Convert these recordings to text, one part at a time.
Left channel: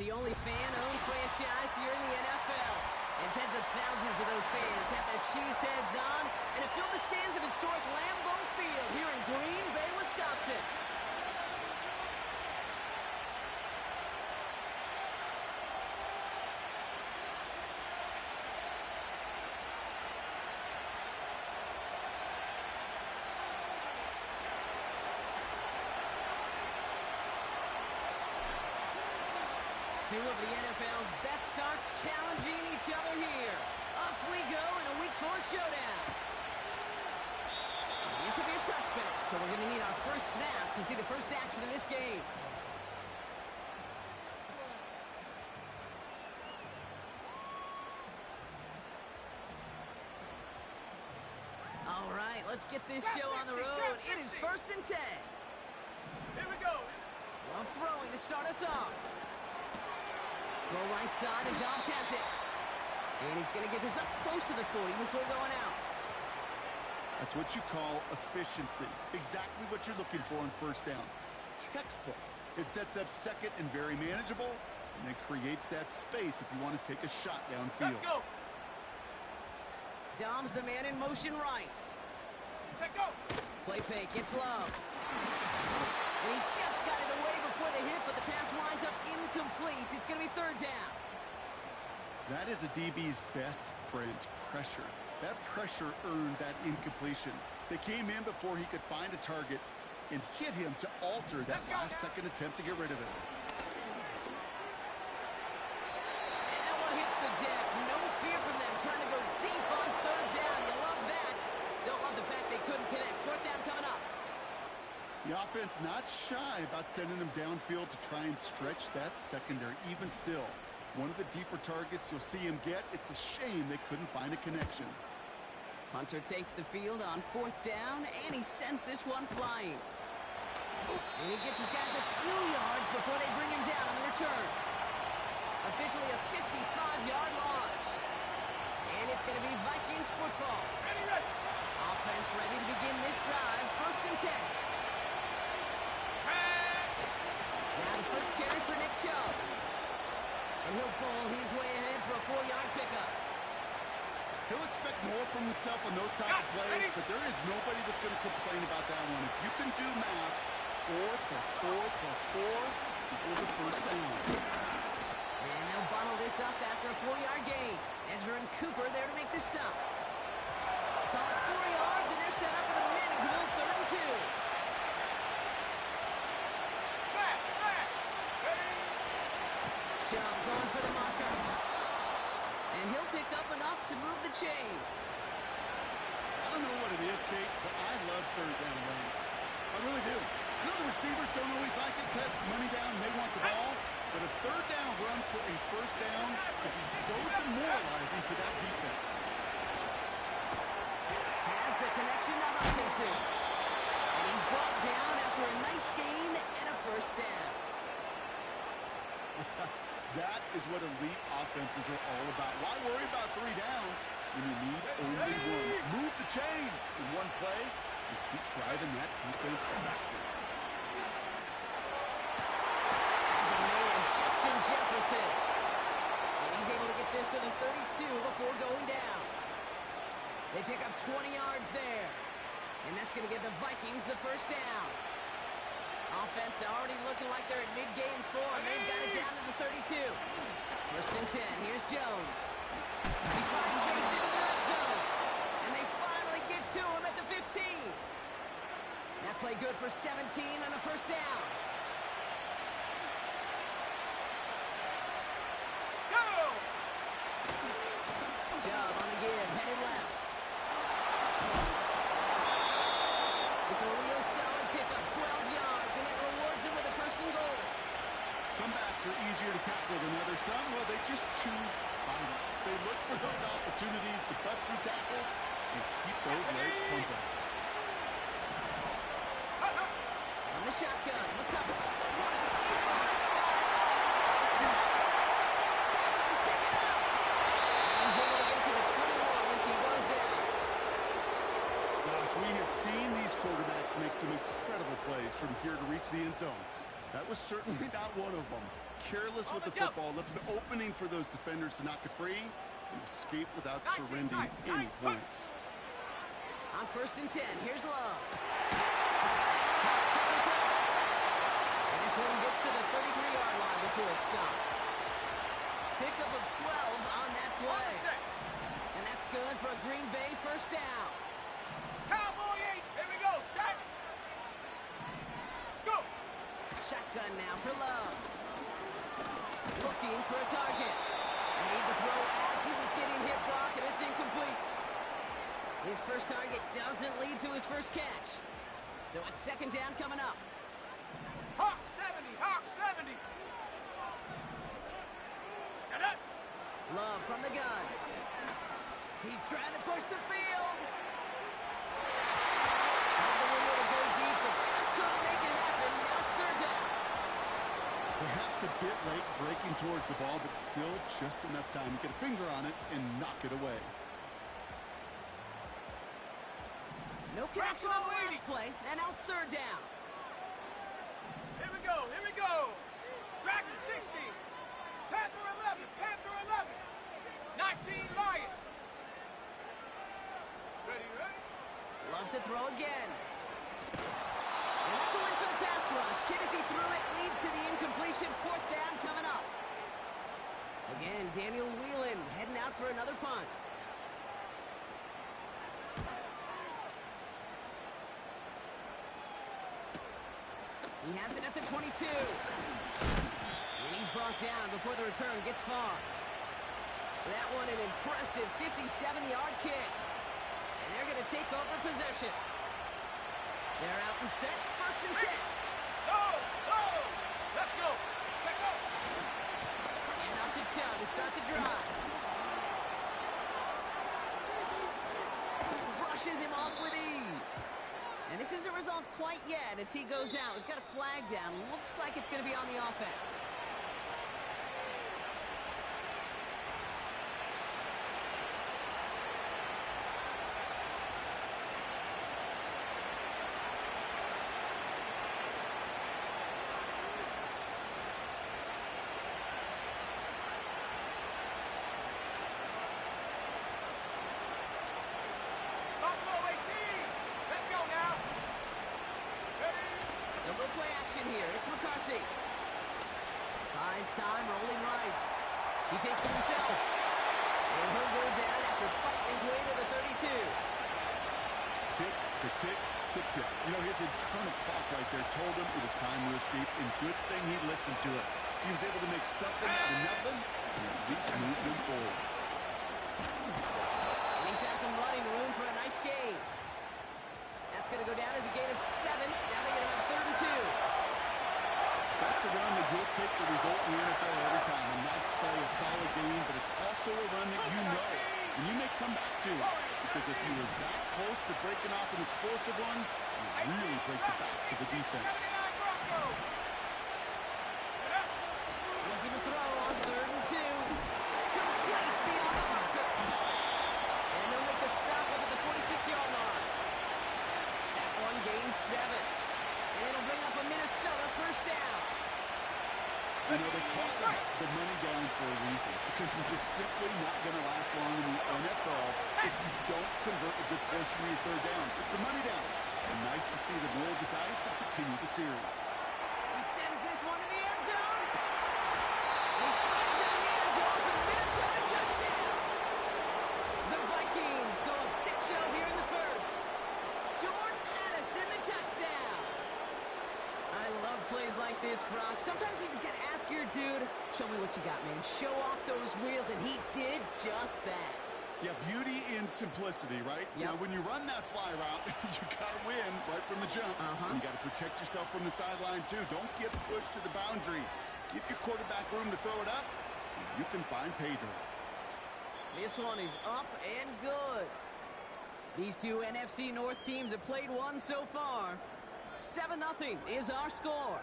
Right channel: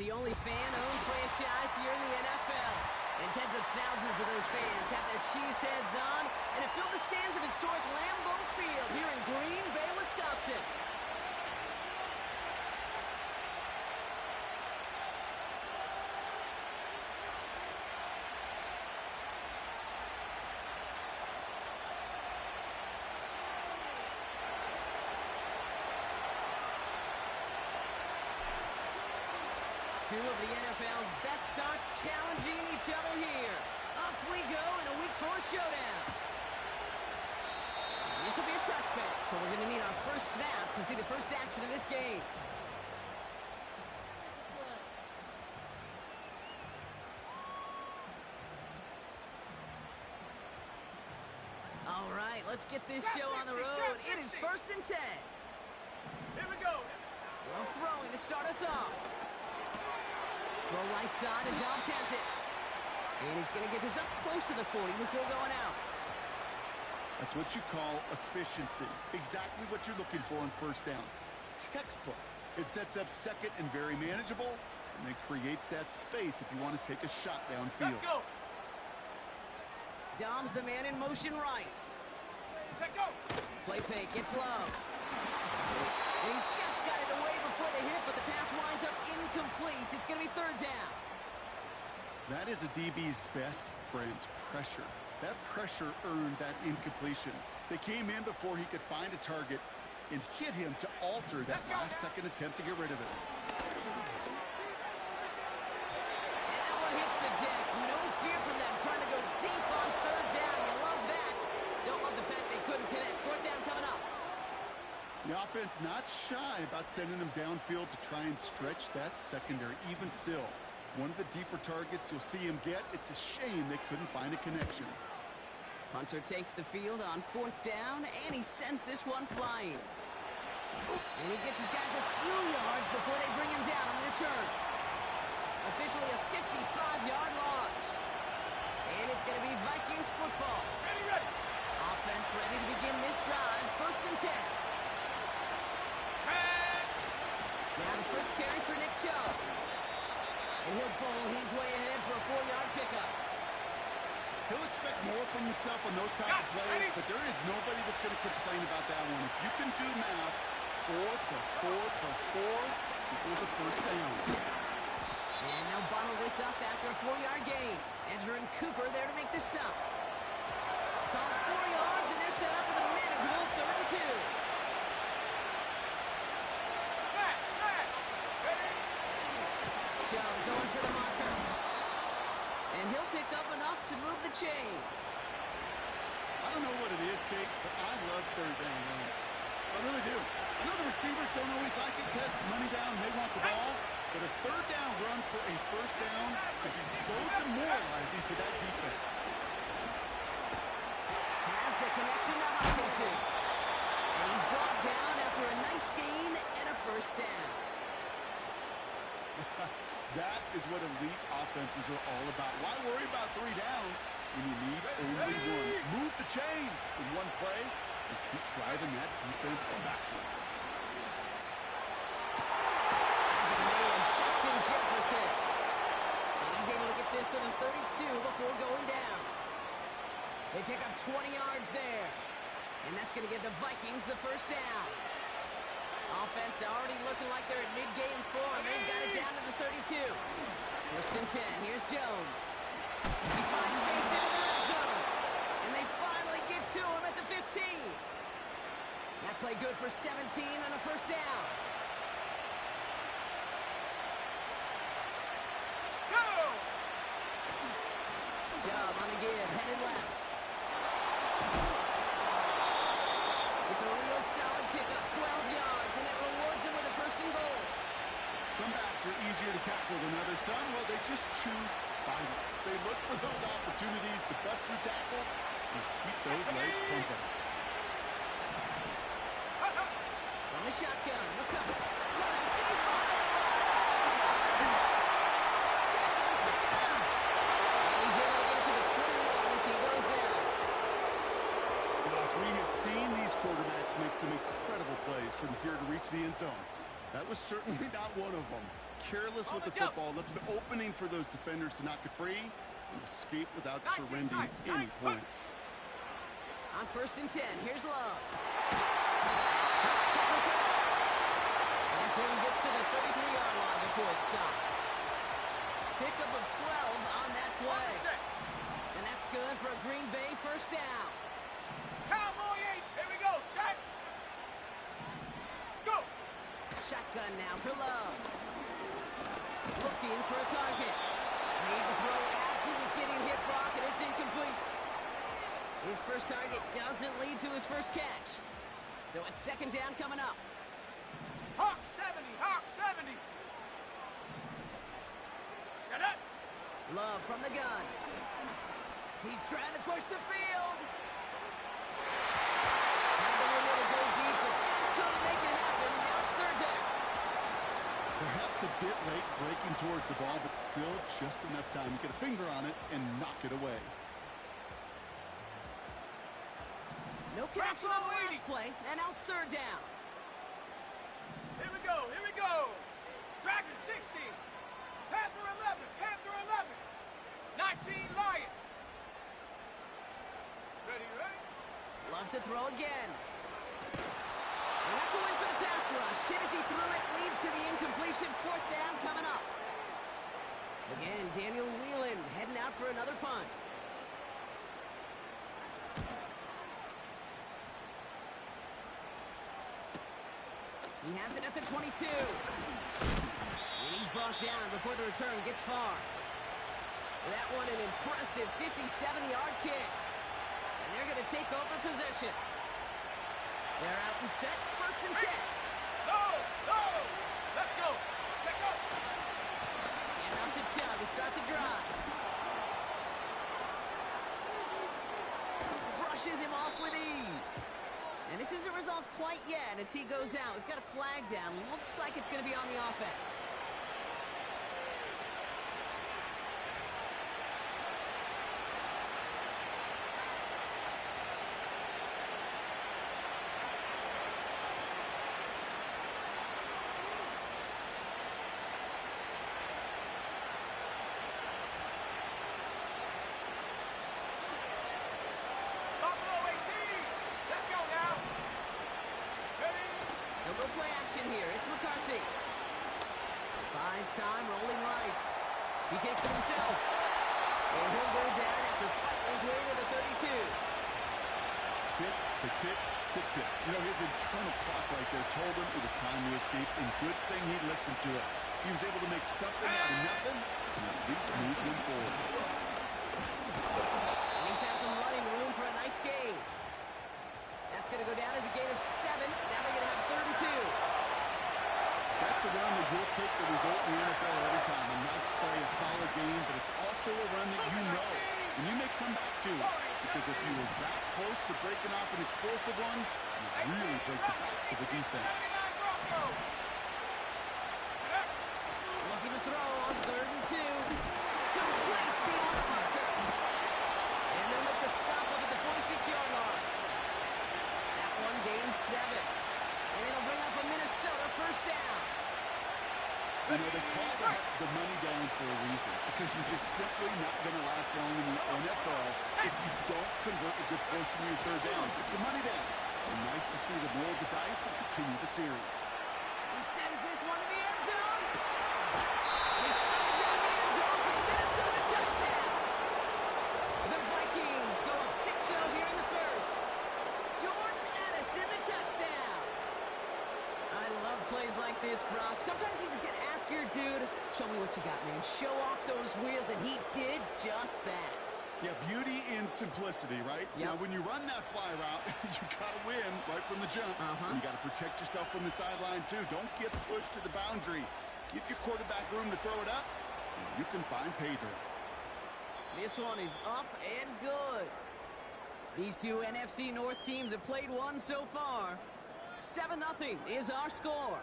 the only fan-owned franchise here in the NFL. And tens of thousands of those fans have their cheese heads on and have filled the stands of historic Lambeau Field here in Green Bay, Wisconsin. Two of the NFL's best starts challenging each other here. Off we go in a Week 4 showdown. This will be a touchback, so we're going to need our first snap to see the first action of this game. All right, let's get this show on the road. It is 1st and 10. Here we go. Rough throwing to start us off. Go right side, and Dobbs has it. And he's going to get this up close to the 40 before going out. That's what you call efficiency. Exactly what you're looking for on first down. Textbook. It sets up second and very manageable, and then creates that space if you want to take a shot downfield. Let's go. Dobbs the man in motion right. Check go. Play fake, it's low. And he just got it away before the hit, but the pass winds up incomplete. It's going to be 3rd down. That is a DB's best friend, pressure. That pressure earned that incompletion. They came in before he could find a target and hit him to alter that last-second attempt to get rid of it. And that one hits the deck. No fear from them trying to go deep on 3rd down. You love that. Don't love the fact they couldn't connect. 4th down coming up. The offense not shy about sending them downfield to try and stretch that secondary. Even still, one of the deeper targets you'll see him get. It's a shame they couldn't find a connection. Hunter takes the field on 4th down, and he sends this one flying. And he gets his guys a few yards before they bring him down on the return. Officially a 55-yard launch. And it's going to be Vikings football. Ready. Offense ready to begin this drive. 1st and 10. Now the first carry for Nick Chubb. And he'll bowl his way ahead for a 4-yard pickup. He'll expect more from himself on those type of plays, but there is nobody that's going to complain about that one. If you can do math, 4 + 4 + 4 equals a first down. And they'll bottle this up after a 4-yard gain. Edger and Cooper there to make the stop. Call it 4 yards, and they're set up with a manageable 3rd and 2. Chubb going for the marker. And he'll pick up enough to move the chains. I don't know what it is, Kate, but I love 3rd down runs. I really do. I know the receivers don't always like it because it's money down and they want the ball, but a 3rd down run for a first down could be so demoralizing to that defense. Has the connection to Hopkinson. And he's brought down after a nice gain and a first down. That is what elite offenses are all about. Why worry about 3 downs when you need only one? Move the chains in one play and keep driving that defense backwards. As a man, Justin Jefferson. And he's able to get this to the 32 before going down. They pick up 20 yards there. And that's going to give the Vikings the first down. Offense already looking like they're at mid-game form. They've got it down to the 32. 1st and 10. Here's Jones. He finds space into the red zone. And they finally get to him at the 15. That play good for 17 on a first down. Go! Chubb on the give. Headed left. It's a real solid pickup. 12 yards. And it rewards him with a 1st and goal. Some backs are easier to tackle than others. Some, well, they just choose violence. They look for those opportunities to bust through tackles and keep those legs pumping. On the shotgun, McCover. Running deep behind the line. Oh, no, Packers pick it up. And he's able to get it to the 21 as he goes down. Gosh, we have seen these quarterbacks make some incredible plays from here to reach the end zone. That was certainly not one of them. careless with the football, left an opening for those defenders to knock it free and escape without surrendering any points. On 1st and 10, here's Love. That's caught, tackle cracked. And this one gets to the 33-yard line before it's stopped. Pickup of 12 on that play. And that's good for a Green Bay first down. Cowboy 8. Here we go. Shot. Go. Shotgun now for Love. Looking for a target. Made the throw as he was getting hit, Brock, and it's incomplete. His first target doesn't lead to his first catch. So it's 2nd down coming up. Hawk 70. Hawk 70. Set up. Love from the gun. He's trying to push the field. Had the window to go deep, but just couldn't make it happen. Now it's 3rd down. Perhaps a bit late breaking towards the ball, but still just enough time to get a finger on it and knock it away. No connection on the last play, and now it's 3rd down. Here we go. Here we go. Dragon 60. Panther 11. Panther 11. 19 Lion. Ready, ready? Loves to throw again. And that's a win for the pass rush. Hit as he threw it, leads to the incompletion. 4th down coming up. Again, Daniel Whelan heading out for another punt. He has it at the 22. And he's brought down before the return gets far. That one an impressive 57-yard kick. And they're going to take over possession. They're out and set. 1st and 10. Go! Go! Let's go! Check go! And off to Chubb to start the drive. Brushes him off with ease. And this isn't resolved quite yet as he goes out. We've got a flag down. Looks like it's going to be on the offense. They'll go play action here. It's McCarthy. Buys time, rolling right. He takes it himself. And he'll go down after fighting his way to the 32. Tick, tick, tick, tick, tick. You know, his internal clock right there told him it was time to escape, and good thing he listened to it. He was able to make something out of nothing and at least move them forward. And he found some running room for a nice gain. That's going to go down as a gain of 7. Now they're going to have 3rd and 2. That's a run that you'll take the result in the NFL every time. A nice play, a solid game, but it's also a run that you know and you may come back to. Because if you were that close to breaking off an explosive one, you really break the backs of the defense. Looking to throw on 3rd and 2. Complete beyond the marker. And they'll make the stop up at the 46-yard line. That one gains 7. And it'll bring up a Minnesota first down. You know, they call that the money down for a reason, because you're just simply not going to last long in the NFL if you don't convert a good portion of your 3rd downs. It's the money down. And nice to see them roll the dice and continue the series. He sends this one to the end zone. And he finds it in the end zone for the Minnesota touchdown. The Vikings go up 6-0 here in the first. Jordan Addison, the touchdown. I love plays like this, Brock. Sometimes you just got to ask your dude, show me what you got, man. Show off those wheels, and he did just that. Yeah, beauty in simplicity, right? Yep. Now, when you run that fly route, you got to win right from the jump. And you got to protect yourself from the sideline, too. Don't get pushed to the boundary. Give your quarterback room to throw it up, and you can find pay dirt. This one is up and good. These two NFC North teams have played one so far. 7-0 is our score.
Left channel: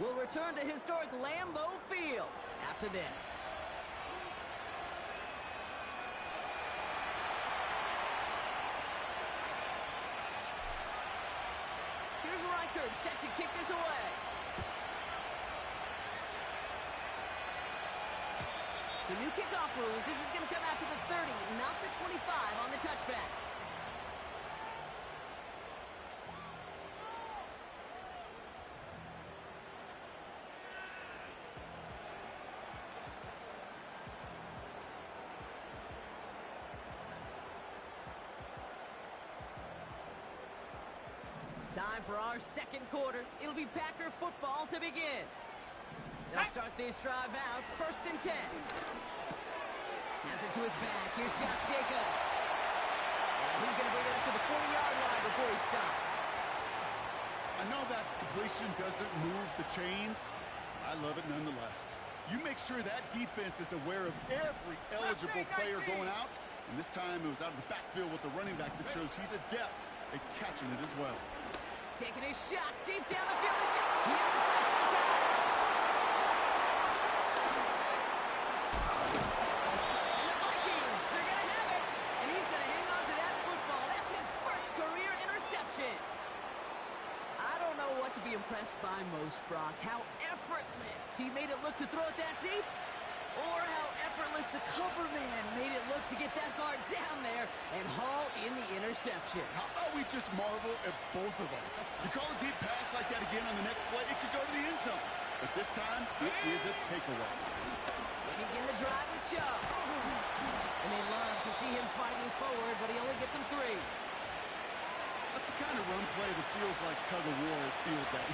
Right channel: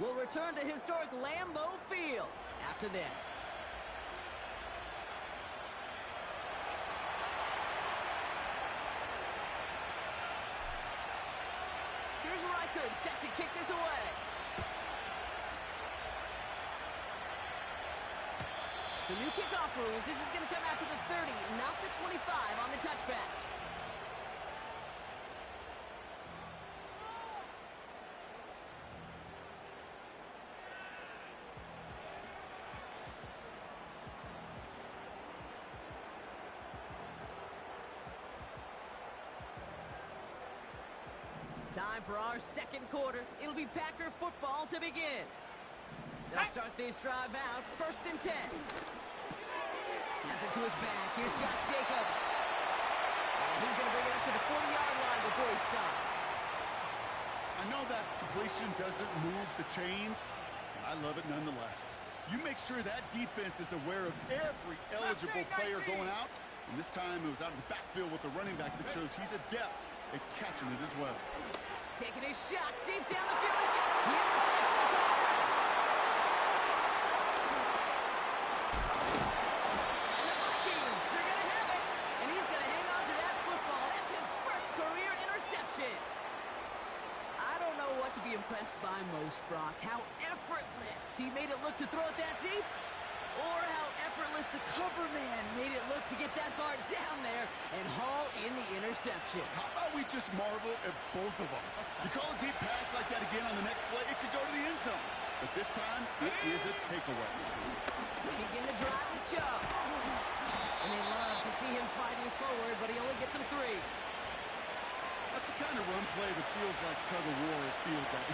We'll return to historic Lambeau Field after this. Here's Reichard set to kick this away. So new kickoff rules. This is going to come out to the 30, not the 25 on the touchback. Time for our second quarter. It'll be Packer football to begin. They'll start this drive out, 1st and 10. Has it to his back. Here's Josh Jacobs. And he's going to bring it up to the 40-yard line before he stops. I know that completion doesn't move the chains. I love it nonetheless. You make sure that defense is aware of every eligible player going out. And this time it was out of the backfield with a running back that shows he's adept at catching it as well. Taking his shot deep down the field. He intercepts the pass. And the Vikings are going to have it. And he's going to hang on to that football. That's his first career interception. I don't know what to be impressed by most, Brock. How effortless he made it look to throw it that deep, or how effortless the cover man made it look to get that far down there and haul in the interception. How about we just marvel at both of them? You call a deep pass like that again on the next play, it could go to the end zone. But this time, it is a takeaway. They begin the drive with Chubb. And they love to see him fighting forward, but he only gets them 3. That's the kind of run play that feels like tug-of-war at field day.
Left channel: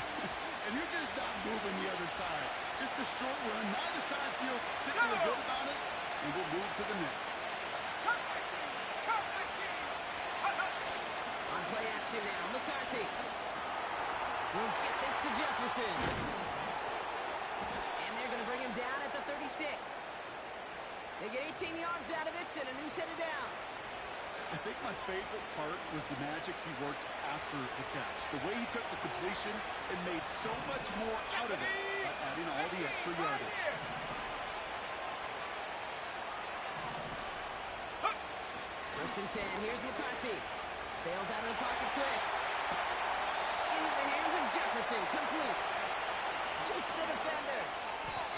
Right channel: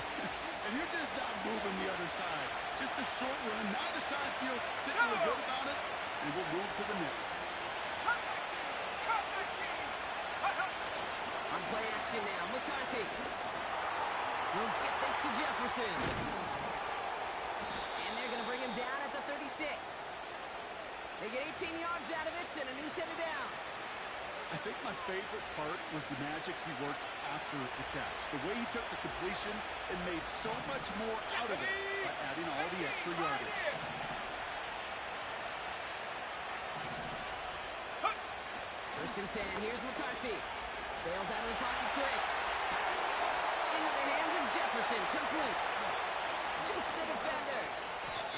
And you're just not moving the other side. Just a short run. Neither side feels particularly good about it. And we'll move to the next. Cut my team! Cut my team! Hut, hut. On play action now, McCarthy. Will get this to Jefferson. And they're going to bring him down at the 36. They get 18 yards out of it and a new set of downs. I think my favorite part was the magic he worked after the catch. The way he took the completion and made so much more out of it by adding all the extra yardage. 1st and 10. Here's McCarthy. Bails out of the pocket quick. Into the hands of Jefferson. Complete. Juke the defender.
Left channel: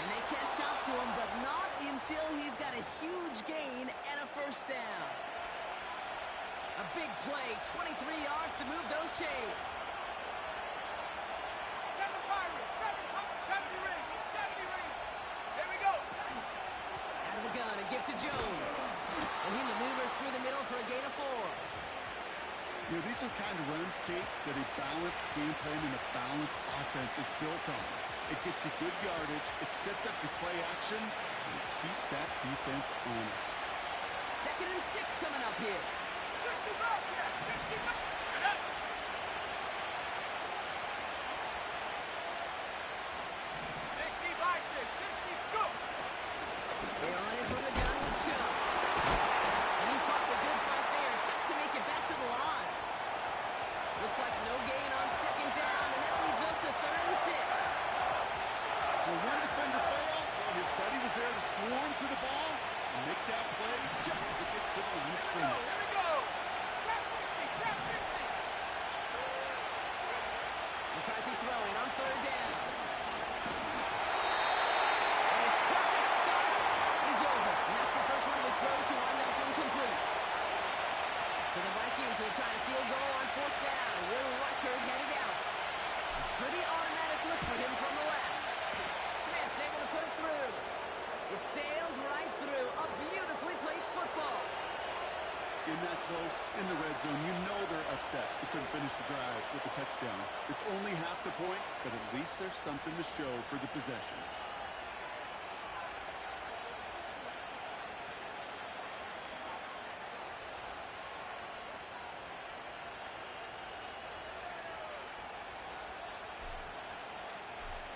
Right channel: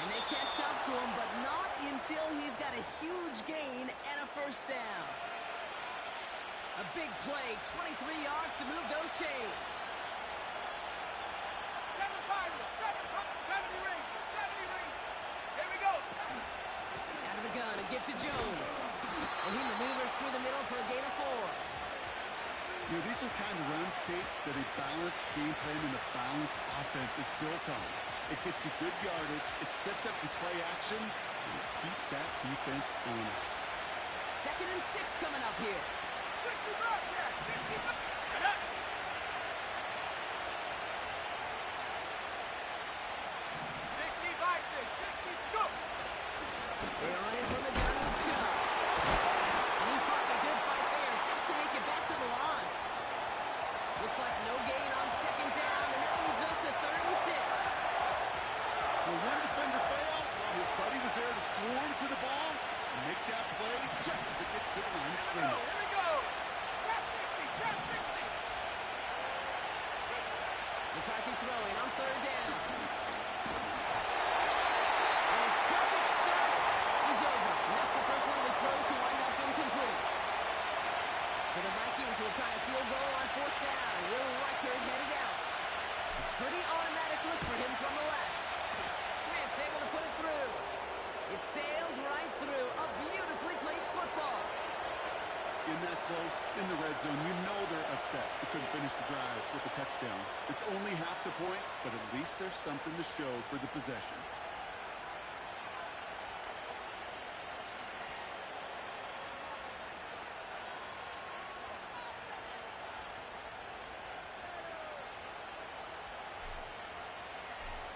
And they catch up to him, but not until he's got a huge gain and a 1st down. A big play, 23 yards to move those chains. 7 Pirates, 70 Rangers, 70 Rangers. Here we go. Out of the gun, a gift to Jones. And he maneuvers through the middle for a gain of 4. You know, these are the kind of runs, Kate, that a balanced game plan and a balanced offense is built on. It gets you good yardage, it sets up your play action, and it keeps that defense honest. 2nd and 6 coming up here. 60 Bobcat, 60 Bobcat. 60 Bison, 60, go! They are running from the gun with Chubb. And he fought the good fight there just to make it back to the line. Looks like no gain on 2nd down, and that leads us to 3rd and 6. When one defender failed, his buddy was there to swarm to the ball and make that play just as it gets to the line of scrimmage. Here we go. Trap 60, trap 60. McCarthy throwing on 3rd down. And his perfect start is over. And that's the first one of his throws to wind up incomplete. So the Vikings will try a field goal on 4th down. Will Riker headed out. A pretty automatic look for him from the left. Smith able to put it through. It sails right through. A beautifully placed football. In that close, in the red zone, you know they're upset. They couldn't finish the drive with the touchdown. It's only half the points, but at least there's something to show for the possession.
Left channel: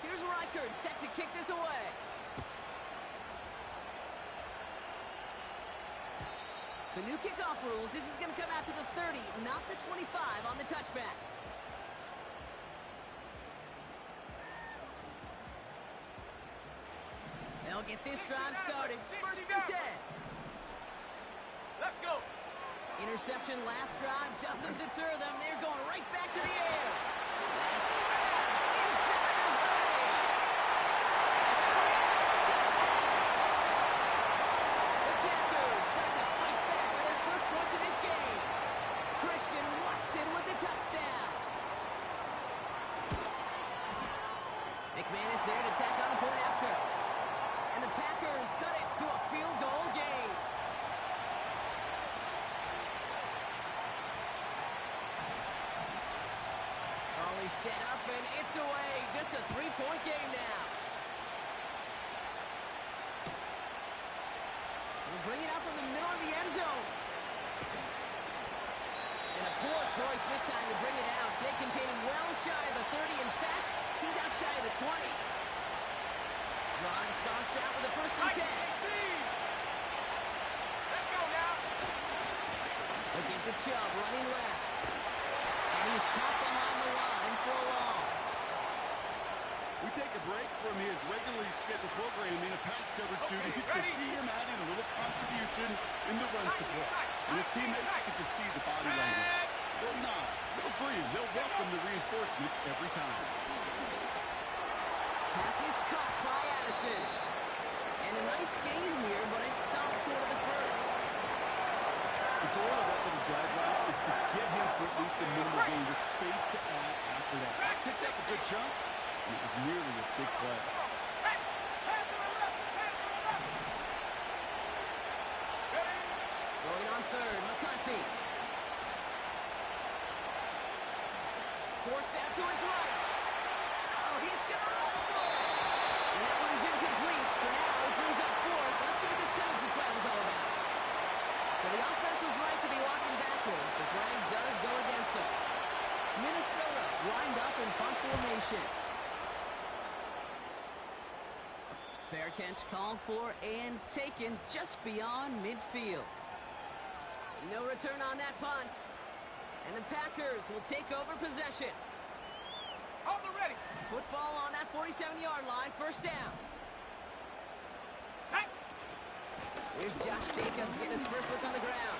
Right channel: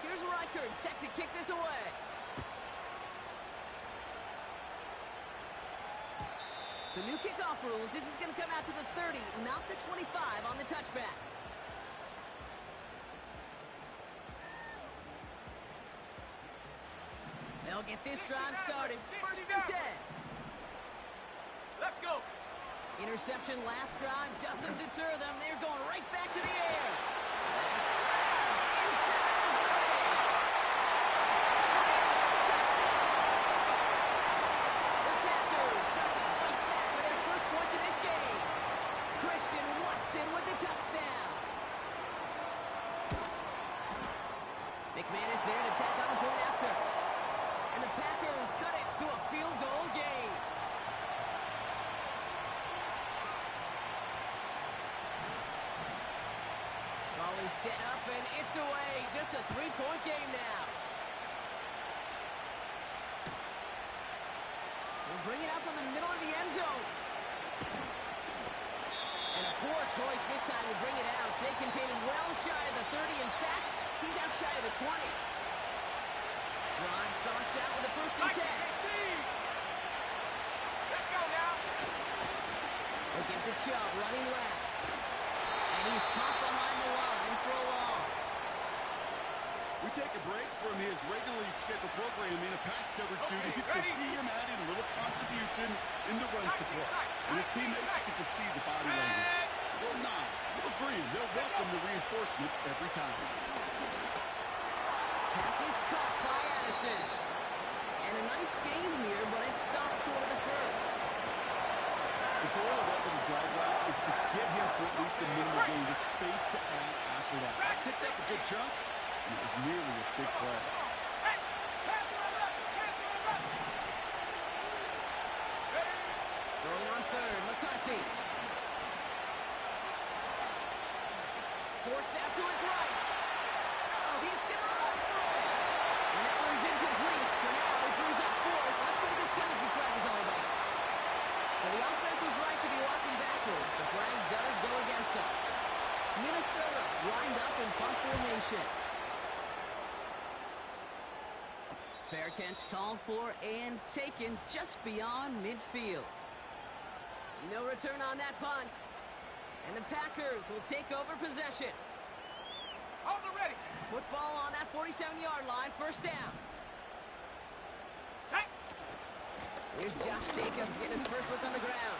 Here's Reichard set to kick this away. So new kickoff rules. This is going to come out to the 30, not the 25 on the touchback. They'll get this drive started. 1st and 10. Let's go. Interception last drive doesn't deter them. They're going right back to the air. That's grabbed inside the 30. That's a great touchdown. McManus there to tack on the point after. And the Packers cut it to a field goal game. Crawley set up, and it's away. Just a three-point game now. We'll bring it out from the middle of the end zone. And a poor choice this time to bring it out. They contain him well shy of the 30. In fact, he's out shy of the 20. Drive starts out with a first and 10. Let's go now. Looking to Chubb, running left. And he's caught behind the line for a loss. We take a break from his regularly scheduled programming of pass coverage duties to see him adding a little contribution in the run support. And his teammates get to see the body language. They'll nod, they'll agree, they'll welcome the reinforcements every time. Pass is caught by Addison. And a nice game here, but it stopped short of the first. The goal of that little drag route is to get him for at least a minimal gain, with space to add after that. Picked up a good chunk, and it was nearly a big play. Going on third, McCarthy. Forced out to his right. Oh, he's going to run for it. And that one's incomplete. For now, it brings up fourth. Let's see what this penalty flag is all about. So the offense was right to be walking backwards. The flag does go against them. Minnesota lined up in punt formation. Fair catch called for and taken just beyond midfield. No return on that punt. And the Packers will take over possession. Hold it ready. Football on that 47-yard line, first down. Set. Here's Josh Jacobs getting his first look on the ground.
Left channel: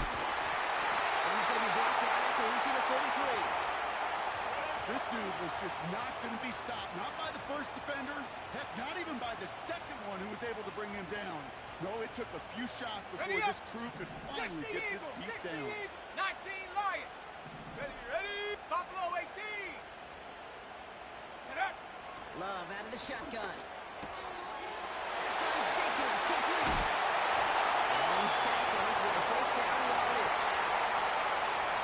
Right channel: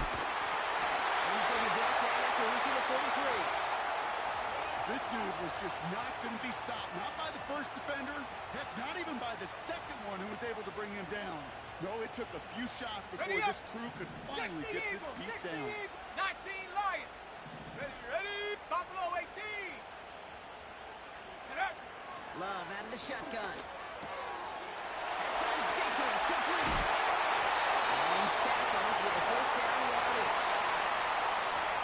And he's going to be brought down after reaching the 43. This dude was just not going to be stopped, not by the first defender, heck, not even by the second one who was able to bring him down. No, it took a few shots before this crew could finally get this piece down. 19 Lion. Ready, ready. Buffalo 18. Get up. Love out of the shotgun. And finds Jacobs, complete. And he's tackled with the first down yardage.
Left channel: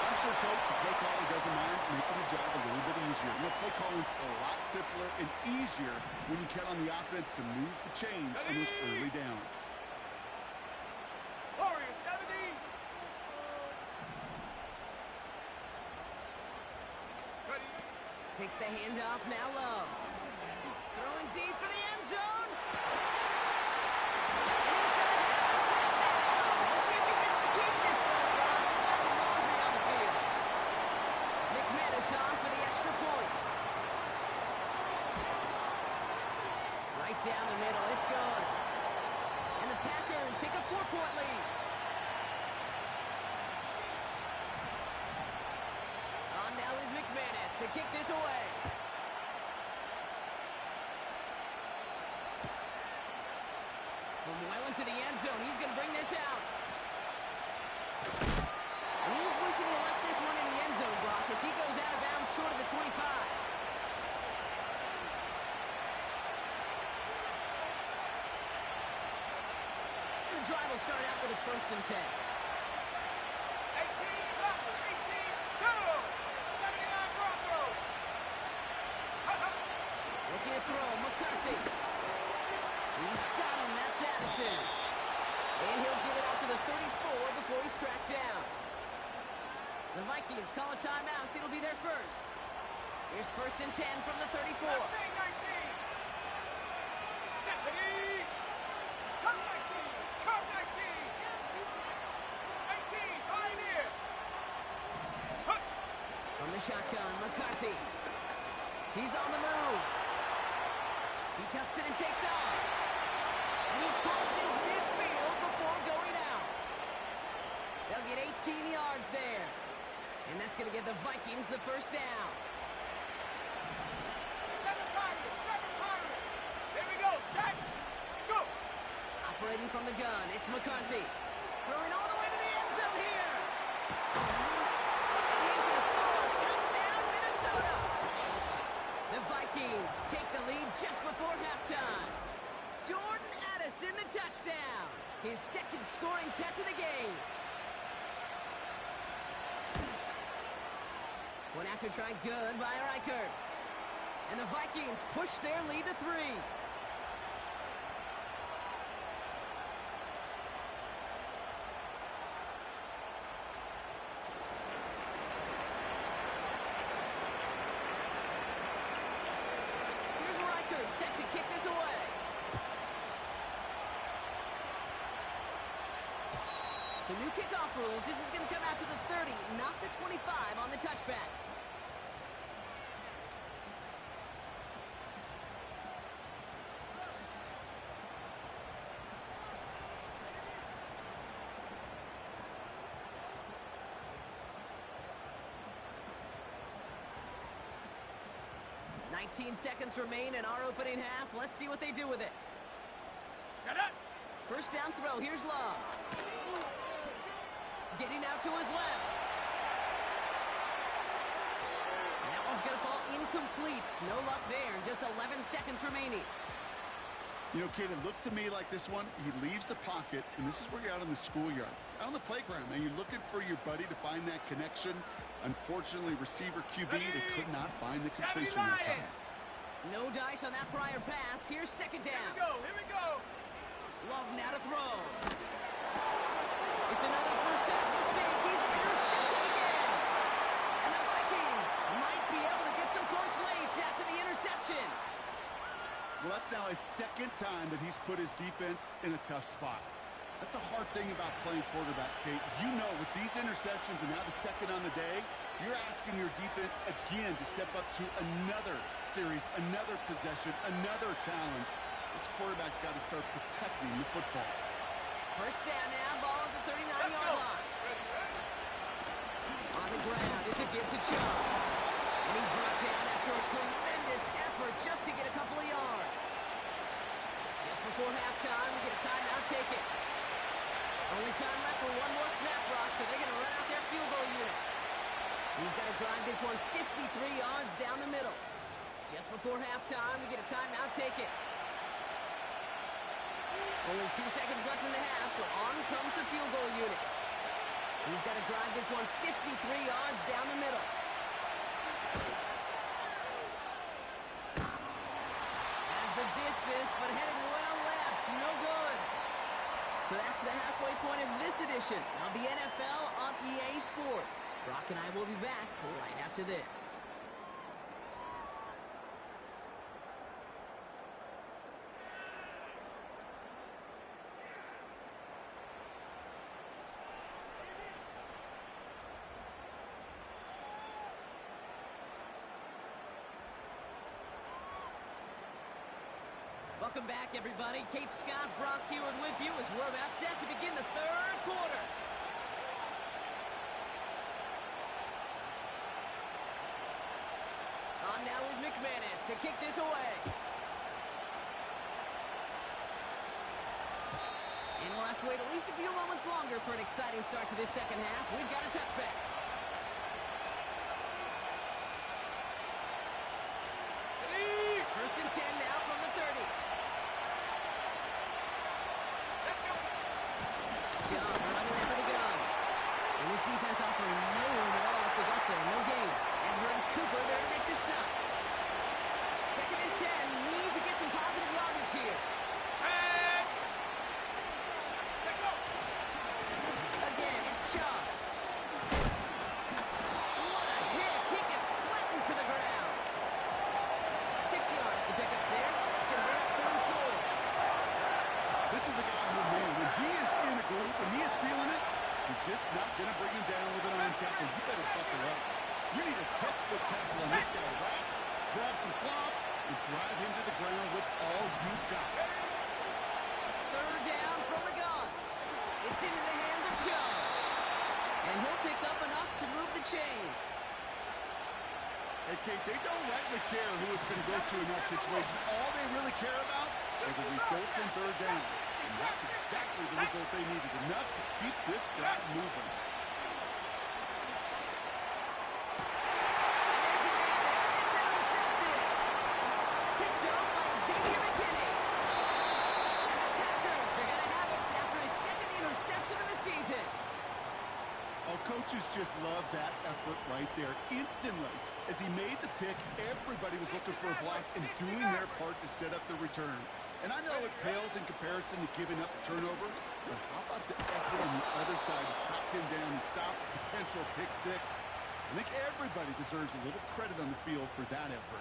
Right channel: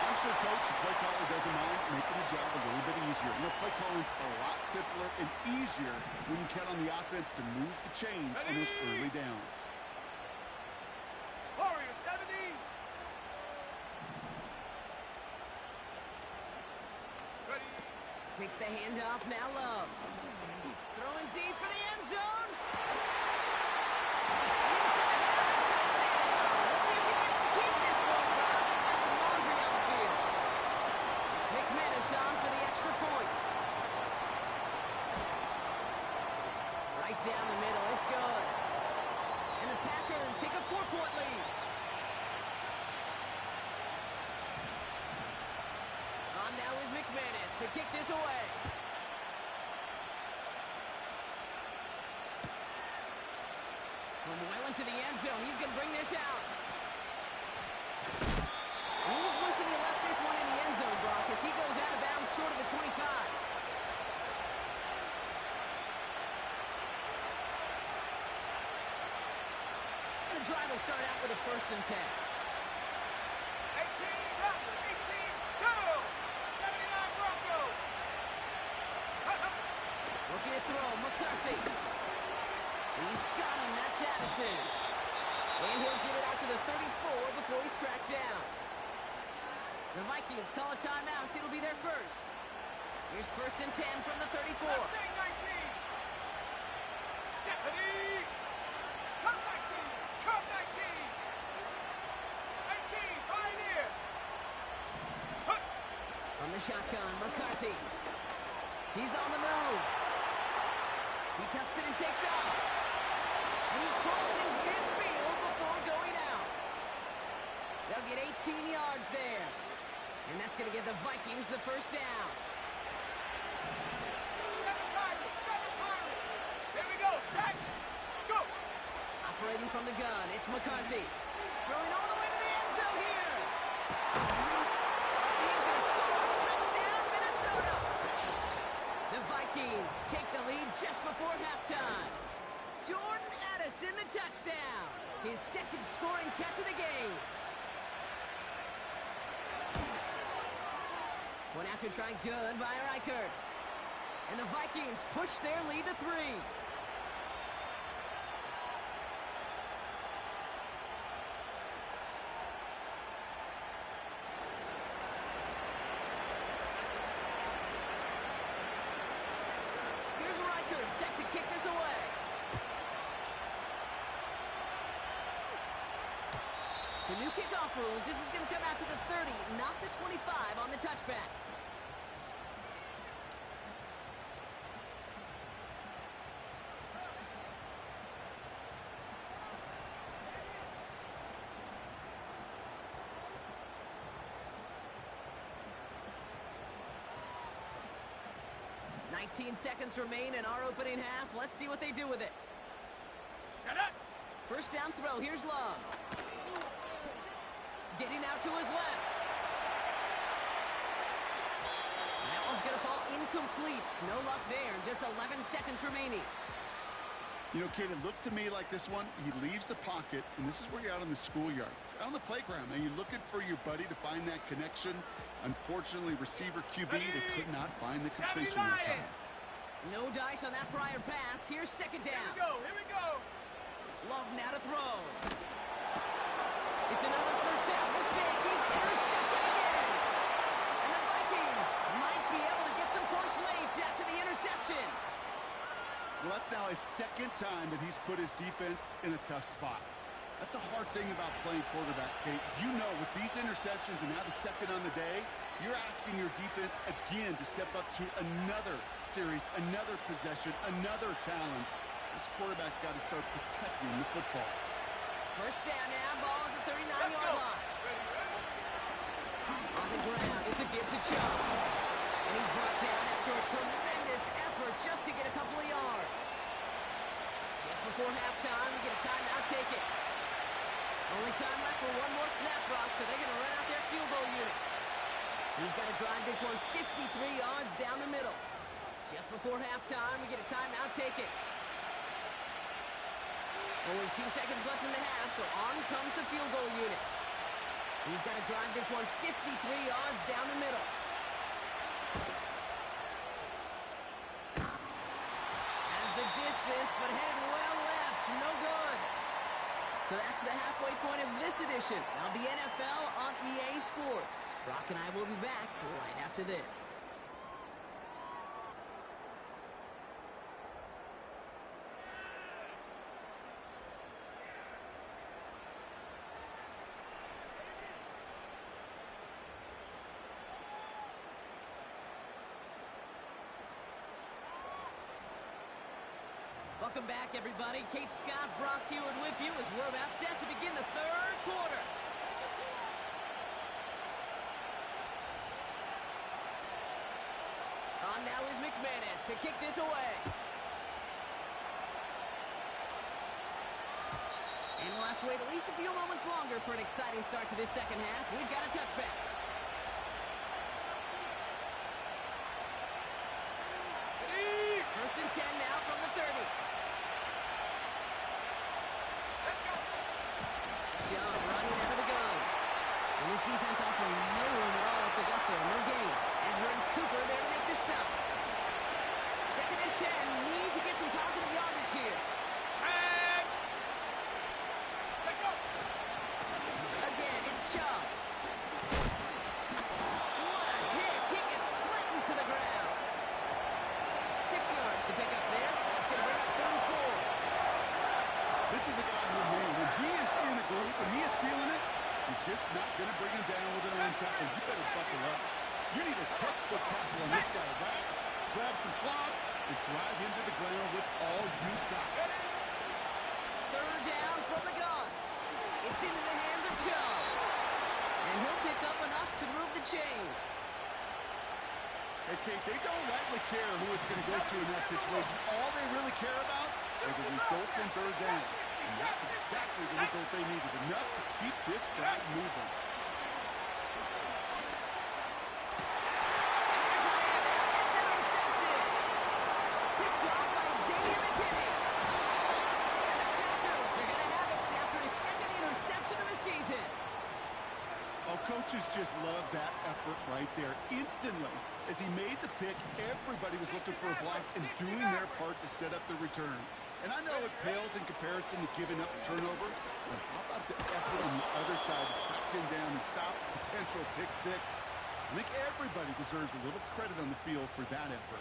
I'm sure coach and play caller doesn't mind making the job a little bit easier. You know, play calling's a lot simpler and easier when you count on the offense to move the chains on those early downs. Warriors 70. Ready. Takes the handoff, now Love. Throwing deep for the end zone. And he's going to have a touchdown. Let's see if he gets to keep this though, Brock. Got some laundry on the field. McManus on for the extra point. Right down the middle, it's good. And the Packers take a 4-point lead. On now is McManus to kick this away. From well into the end zone, he's going to bring this out. And he's wishing he left this one in the end zone, Brock, as he goes out of bounds short of the 25. And the drive will start out with a first and 10. 18 Raptor. 18 go. 79 Broncos. Looking to throw, McCarthy. He's got him, that's Addison. And he'll get it out to the 34 before he's tracked down. The Vikings call a timeout. It'll be their first. Here's first and 10 from the 34. Mustang 19. Stephanie. Come 19. Come 19. 18. Pioneer. From the shotgun, McCarthy. He's on the move. He tucks it and takes off. And he crosses midfield before going out. They'll get 18 yards there. And that's going to give the Vikings the first down. 7 Pirates. 7 Pirates. There we go. Set. Go. Operating from the gun, it's McCarthy. Throwing all the way to the end zone here. And he's going to score. Touchdown, Minnesota. The Vikings Vikings take the lead just before halftime. Jordan Addison, the touchdown. His second scoring catch of the game. One after try good by Reichert. And the Vikings push their lead to 3. Here's Reichert set to kick this away. So new kickoff rules. This is going to come out to the 30, not the 25 on the touchback. $19 seconds remain in our opening half. Let's see what they do with it. Set up. First down throw. Here's Love. Getting out to his left. And that one's going to fall incomplete. No luck there. Just 11 seconds remaining. You know, Kate, it looked to me like this one, he leaves the pocket, and this is where you're out in the schoolyard, out on the playground, and you're looking for your buddy to find that connection. Unfortunately, receiver QB, they could not find the completion that time. No dice on that prior pass. Here's second down. Here we go. Love now to throw. It's another first half mistake. He's intercepted again. And the Vikings might be able to get some points late after the interception. Well, that's now his second time that he's put his defense in a tough spot. That's a hard thing about playing quarterback, Kate. You know, with these interceptions and now the second on the day, you're asking your defense again to step up to another series, another possession, another challenge. This quarterback's got to start protecting the football. First down now, ball at the 39-yard line. Ready. On the ground, it's a give to Chubb. And he's brought down after a tremendous effort just to get a couple of yards. Just before halftime, we get a timeout, take it. Only time left for one more snap, Brock, so they're going to run out their field goal unit. He's got to drive this one 53 yards down the middle. Just before halftime, we get a timeout, take it. Only 2 seconds left in the half, so on comes the field goal unit. He's got to drive this one 53 yards down the middle. Has the distance, but headed well left. No good. So that's the halfway point of this edition of the NFL on EA Sports. Brock and I will be back right after this. Welcome back, everybody. Kate Scott, Brock Heward with you as we're about set to begin the third quarter. On now is McManus to kick this away. And we'll have to wait at least a few moments longer for an exciting start to this second half. We've got a touchback. First and 10 now from the 30. Let's go. John running out of the gun. And this defense offering no room at all up the gut there. No gain. Edger and Cooper there to make this stop. Second and 10. Need to get some positive yardage here. Tag. Let's go. Again, it's Chubb. What a hit. He gets flattened to the ground. 6 yards to pick up there. That's going to bring up 3rd and 4. This is a guy who, man, when he is in a group, when he is feeling it, you're just not going to bring him down with an arm tackle. You better buckle up. You need a textbook tackle on this guy, right? Grab some cloth and drive him to the ground with all you got. 3rd down from the gun. It's into the hands of Chubb. And he'll pick up enough to move the chains. Hey, Kate, they don't rightly care who it's going to go to in that situation. All they really care about are the results in 3rd down. And that's exactly the result they needed. Enough to keep this drive moving. And there's a man there. It's intercepted. coaches just love that effort right there. Instantly, as he made the pick, everybody was looking for a block and doing their part to set up the return. And I know it pales in comparison to giving up the turnover, but how about the effort on the other side to track him down and stop a potential pick six? I think everybody deserves a little credit on the field for that effort.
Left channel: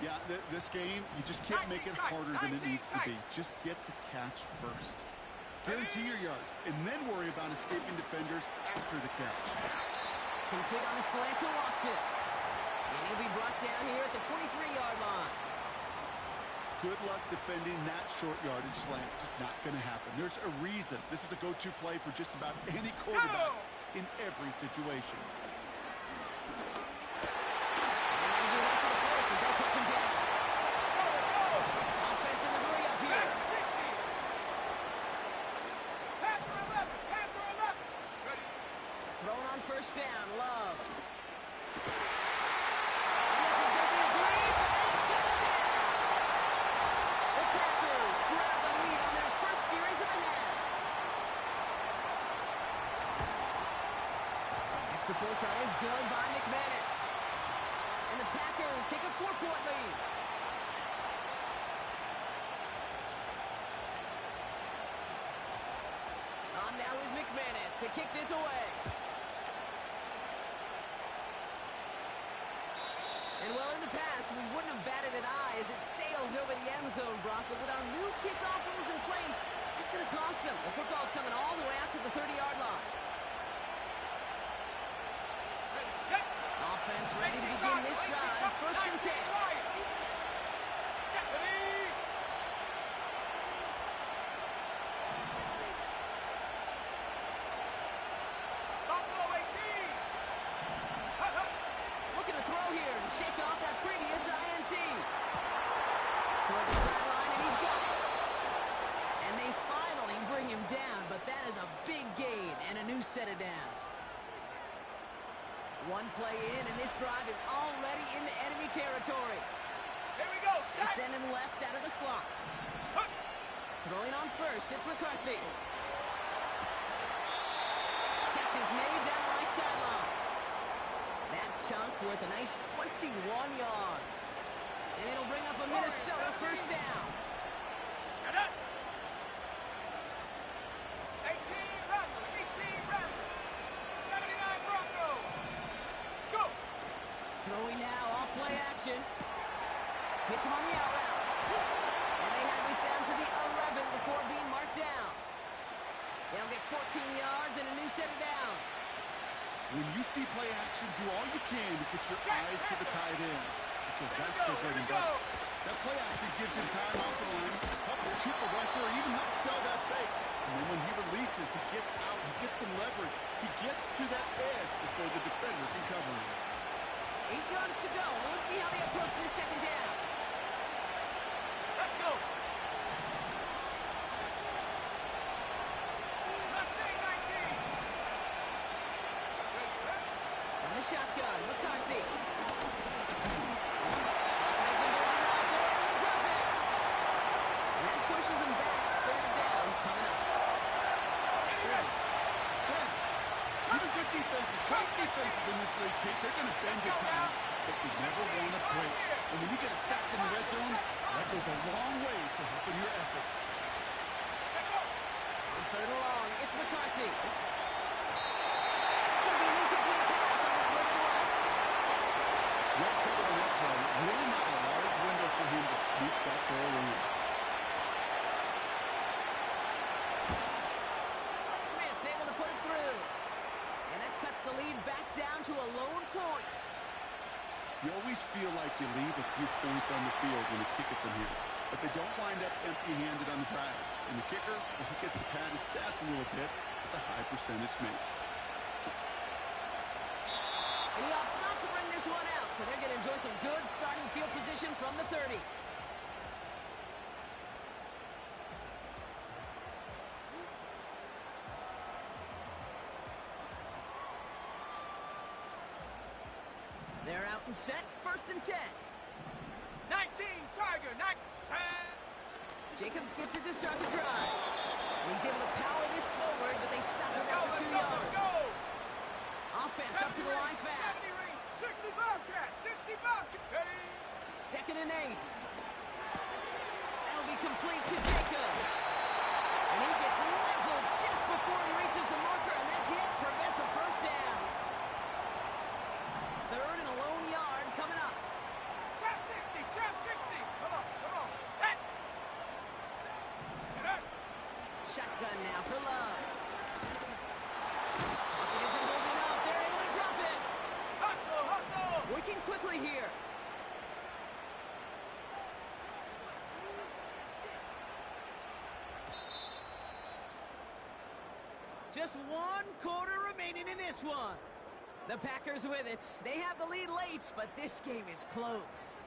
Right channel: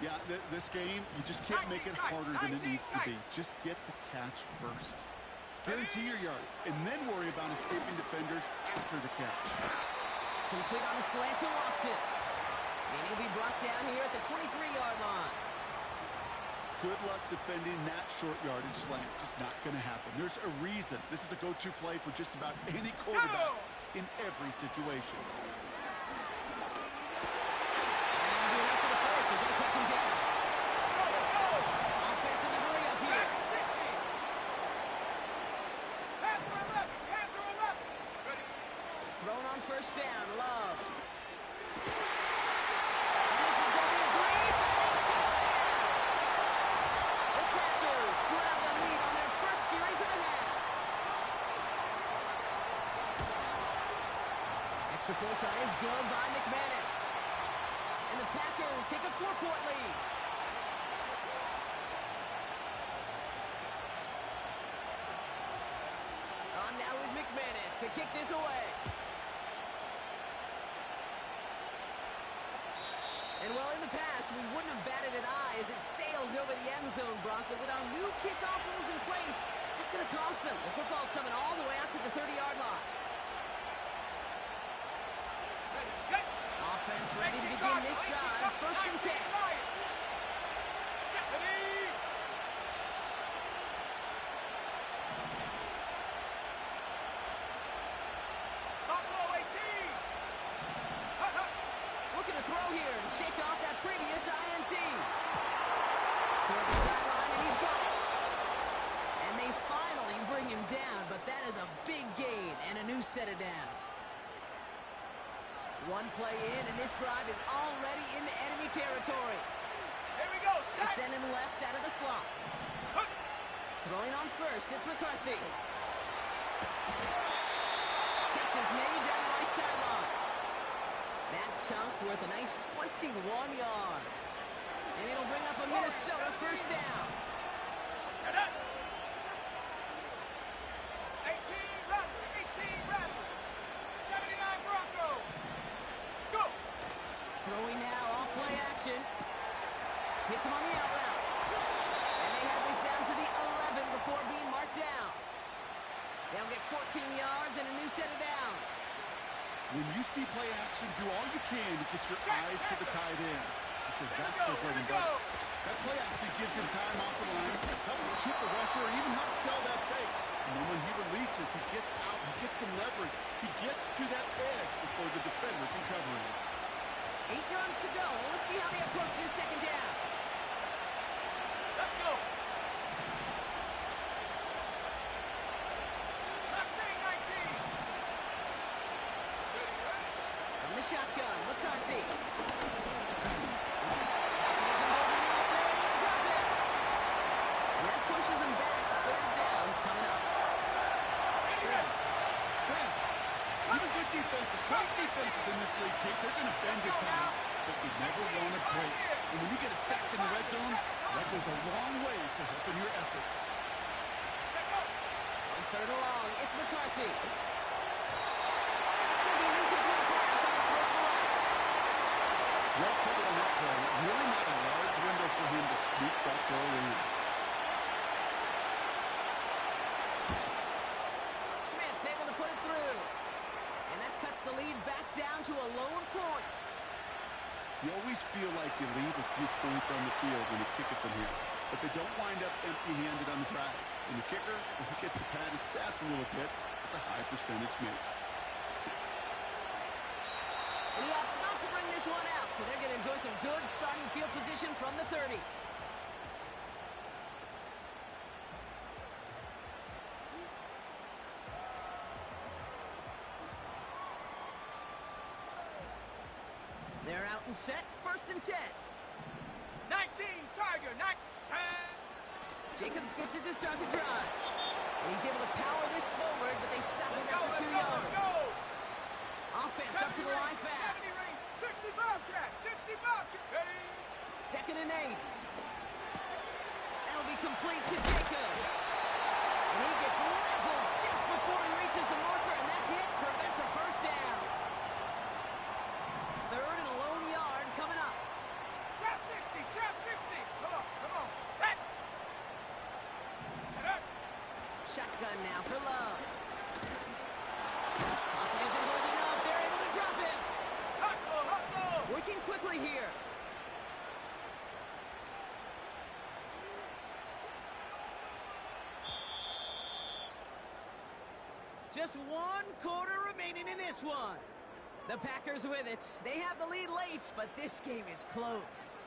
Yeah, this game, you just can't make it harder than it needs to be. Just get the catch first. Guarantee your yards, and then worry about escaping defenders after the catch. Complete on the slant to Watson. And he'll be brought down here at the 23-yard line. Good luck defending that short yardage slant. Just not going to happen. There's a reason this is a go-to play for just about any quarterback in every situation. And that'll be enough for the first as they touch him down. Let's go! Offense in the hurry up here. Back 60. Panther 11. Panther 11. Ready? Thrown on first down. Love. And this is going to be a Green Bay touchdown. The Packers grab the lead on their first series of the half. Extra point try is good by McManus. And the Packers take a 4-point lead. On now is McManus to kick this away. And well, in the past, we wouldn't have batted an eye as it sailed over the end zone, Brock. But with our new kickoff rules in place, that's going to cost them. The football's coming all the way out to the 30-yard line. Ready, set. Offense ready to begin this drive. First and 10. Ready. Buffalo 18. Looking to throw here and shake off that previous INT. Toward the sideline, and he's got it. And they finally bring him down, but that is a big gain and a new set of downs. One play in, and this drive is already into enemy territory. Here we go. They Set. send him left out of the slot. Huh. Throwing on first, it's McCarthy. Catch is made down the right sideline. That chunk worth a nice 21 yards. And it'll bring up a Minnesota first down. Get it. 18 Rattler. 18 Rattler. 79 Broncos. Go. Throwing now off play action. Hits him on the out route. And they have this down to the 11 before being marked down. They'll get 14 yards and a new set of downs. When you see play action, do all you can to get your eyes to the tight end, because that's their bread and butter. That play action gives him time off the line, helps chip a rusher, or even helps sell that fake. And then when he releases, he gets out, he gets some leverage. He gets to that edge before the defender can cover him. 8 yards to go. Let's see how they approach this second down. Let's go. Mustang 19. Ready. From the shotgun, McCarthy. He isn't holding up. They're able to drop it. And that pushes him back. Third down coming up. Ben, even good defenses, great defenses in this league, Kate, they're going to bend at times, but you never want to break. And when you get a sack in the red zone, that goes a long ways to helping your efforts. Set go. On third and long, it's McCarthy. It's going to be an incomplete pass on the throw to the right. Well covered on that play. Really not a large window for him to sneak that throw in. Smith able to put it through. And that cuts the lead back down to a lone point. You always feel like you leave a few points on the field when you kick it from here. But they don't wind up empty-handed on the drive. And the kicker, well, he gets to pad his stats a little bit with a high percentage make. And he opts not to bring this one out, so they're going to enjoy some good starting field position from the 30. They're out and set, first and 10. 19 Tiger. 19. Jacobs gets it to start the drive. And he's able to power this forward, but they stop him after 2 yards. Let's go. Offense up to the line fast. 70 range. 60 Bobcat. 60 Bobcat. Ready. 2nd and 8. That'll be complete to Jacob. And he gets leveled just before he reaches the marker, and that hit prevents a first down. 3rd and a lone yard coming up. Trap 60. Trap 60. Come on. Come on. Set. Get up. Shotgun now for Love. Pocket isn't holding up. They're able to drop him. Hustle. Hustle. Working quickly here. Just 1 quarter remaining in this one. The Packers with it. They have the lead late, but this game is close.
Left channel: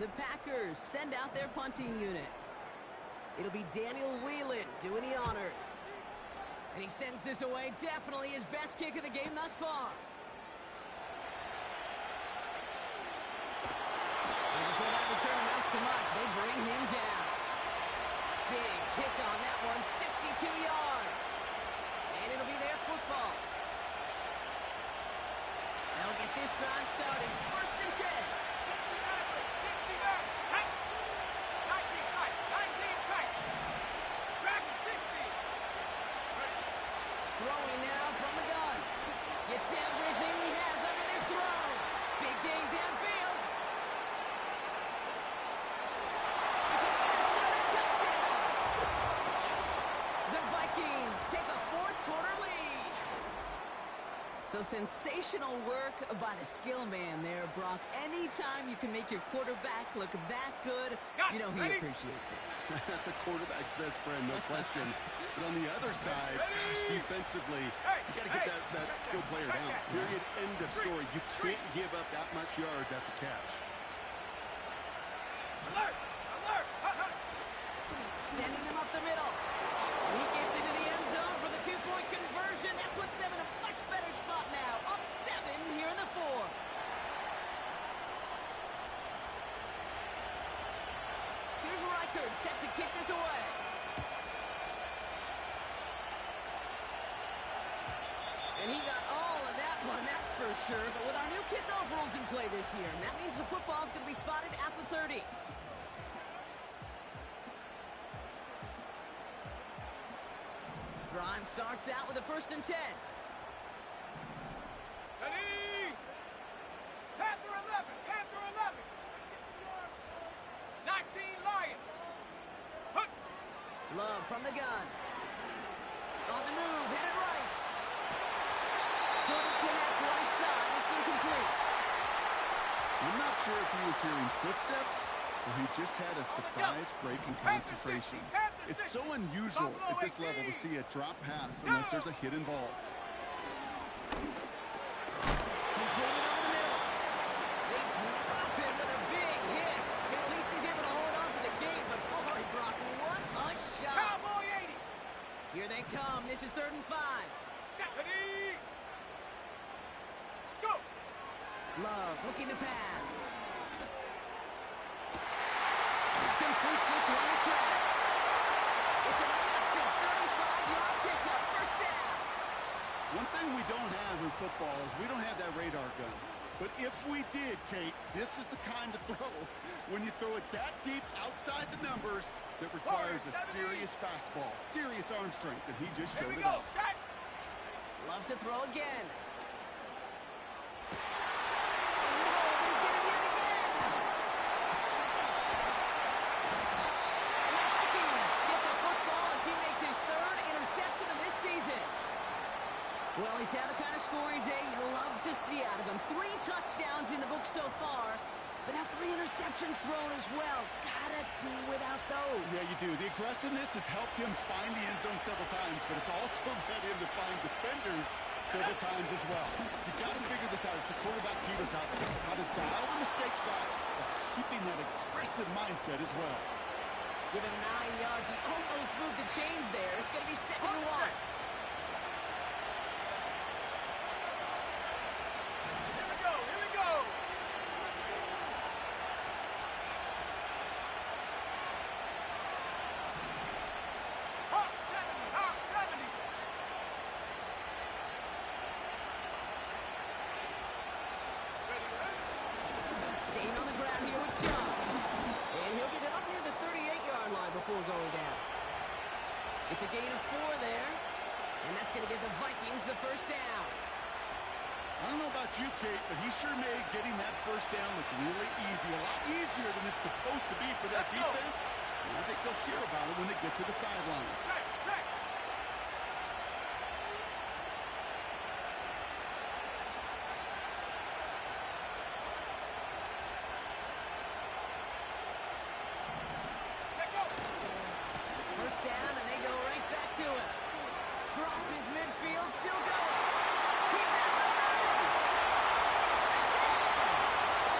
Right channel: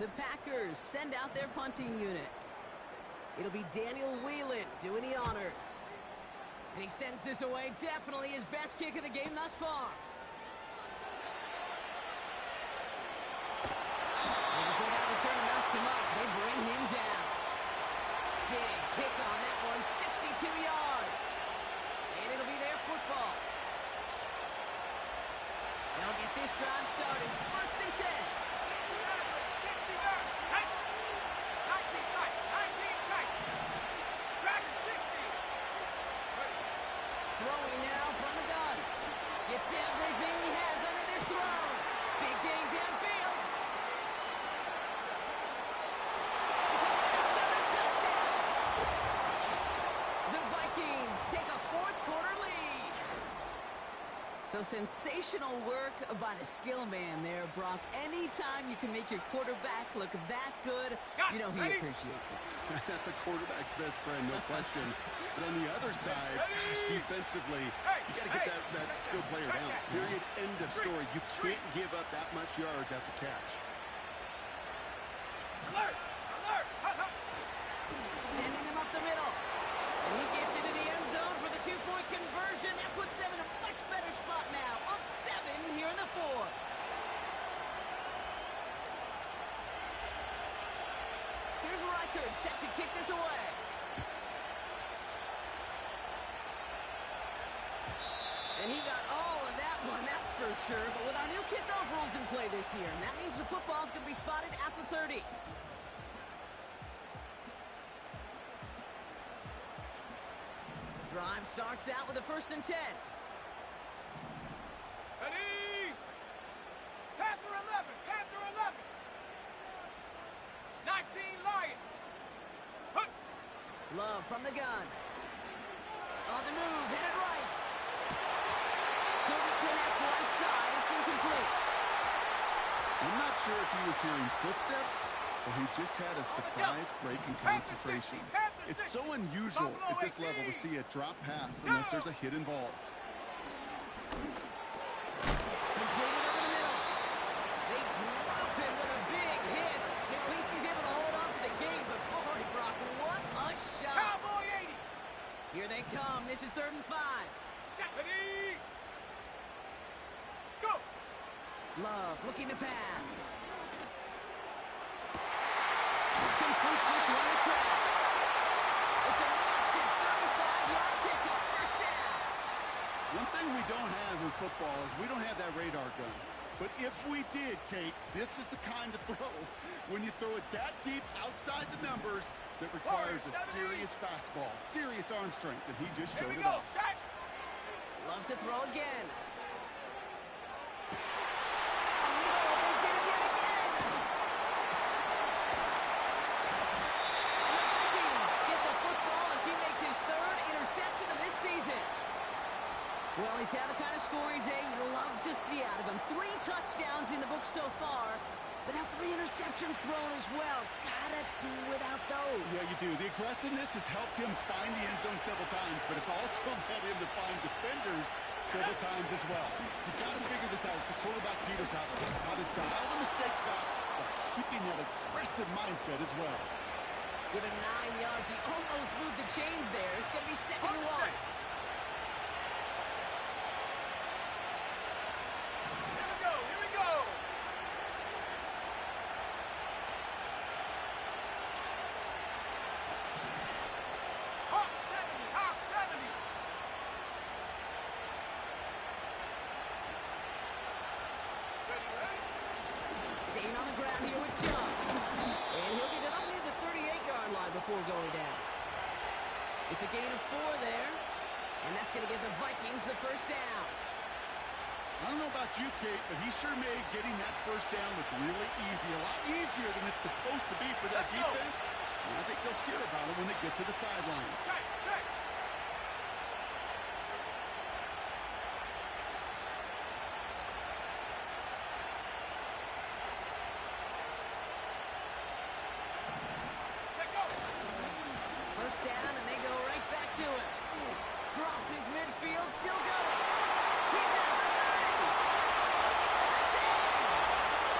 The Packers send out their punting unit. It'll be Daniel Whelan doing the honors. And he sends this away, definitely his best kick of the game thus far. And before that return amounts to much, they bring him down. Big kick on that one, 62 yards. And it'll be their football. They'll get this drive started, 1st and 10. 60 back. Tight. 19 tight. 19 tight. Dragon 60. Ready. Throwing now from the gun. Gets everything he has under this throw. Big gain downfield. It's a Minnesota touchdown. The Vikings take a 4th quarter lead. So sensational work by the skill man there, Brock. Anytime you can make your quarterback look that good, you know he appreciates it. That's a quarterback's best friend, no question. But on the other side, gosh, defensively, you got to get that skill player down. Period, end of story. You can't give up that much yards after catch. Alert! Alert! Hut, hut. Sending him up the middle. And he gets into the end zone for the 2-point conversion. That puts them in a much better spot now. Up 7 here in the 4th. Here's Reichard set to kick this away. And he got all of that one, that's for sure. But with our new kickoff rules in play this year, that means the football's going to be spotted at the 30. Drive starts out with a 1st and 10. Ready! Panther 11! Panther 11! 19 Lion! Hut! Love from the gun. On the move, headed right. Couldn't connect right side, it's incomplete. I'm not sure if he was hearing footsteps or he just had a surprise break in concentration. It's so unusual at this level to see a drop pass unless there's a hit involved. Completed over the middle. They drop him with a big hit. At least he's able to hold on for the game, but boy, Brock, what a shot. Cowboy 80! Here they come. This is 3rd and 5. Ready! Go! Love looking to pass. Completes this one to Kraft. It's a massive 35-yard pickup. 1st down. One thing we don't have in football is we don't have that radar gun. But if we did, Kate, this is the kind of throw, when you throw it that deep outside the numbers, that requires a serious fastball, serious arm strength, and he just showed it off. Set! Loves to throw again. Oh, no, they get him yet again. he's had the kind of scoring day you love to see out of him. 3 touchdowns in the book so far, but now 3 interceptions thrown as well. Gotta do without those. Yeah, you do. The aggressiveness has helped him find the end zone several times, but it's also led him to find defenders several times as well. You got to figure this out. It's a quarterback teeter-totter. How to dial the mistakes back while keeping that aggressive mindset as well. Give him 9 yards. He almost moved the chains there. It's going to be 2nd and 1. Here we go, here we go. Hawk 70, Hawk 70. Ready, ready? Staying on the ground here with John. And he'll get it up near the 38-yard line before going down. It's a gain of 4 there. And that's going to give the Vikings the first down. I don't know about you, Kate, but he sure made getting that first down look really easy. A lot easier than it's supposed to be for that defense. And I think they'll hear about it when they get to the sidelines. Check, check. Check go. First down, and they go right back to him. Crosses midfield, still going. He's at the 30. Gets the 10.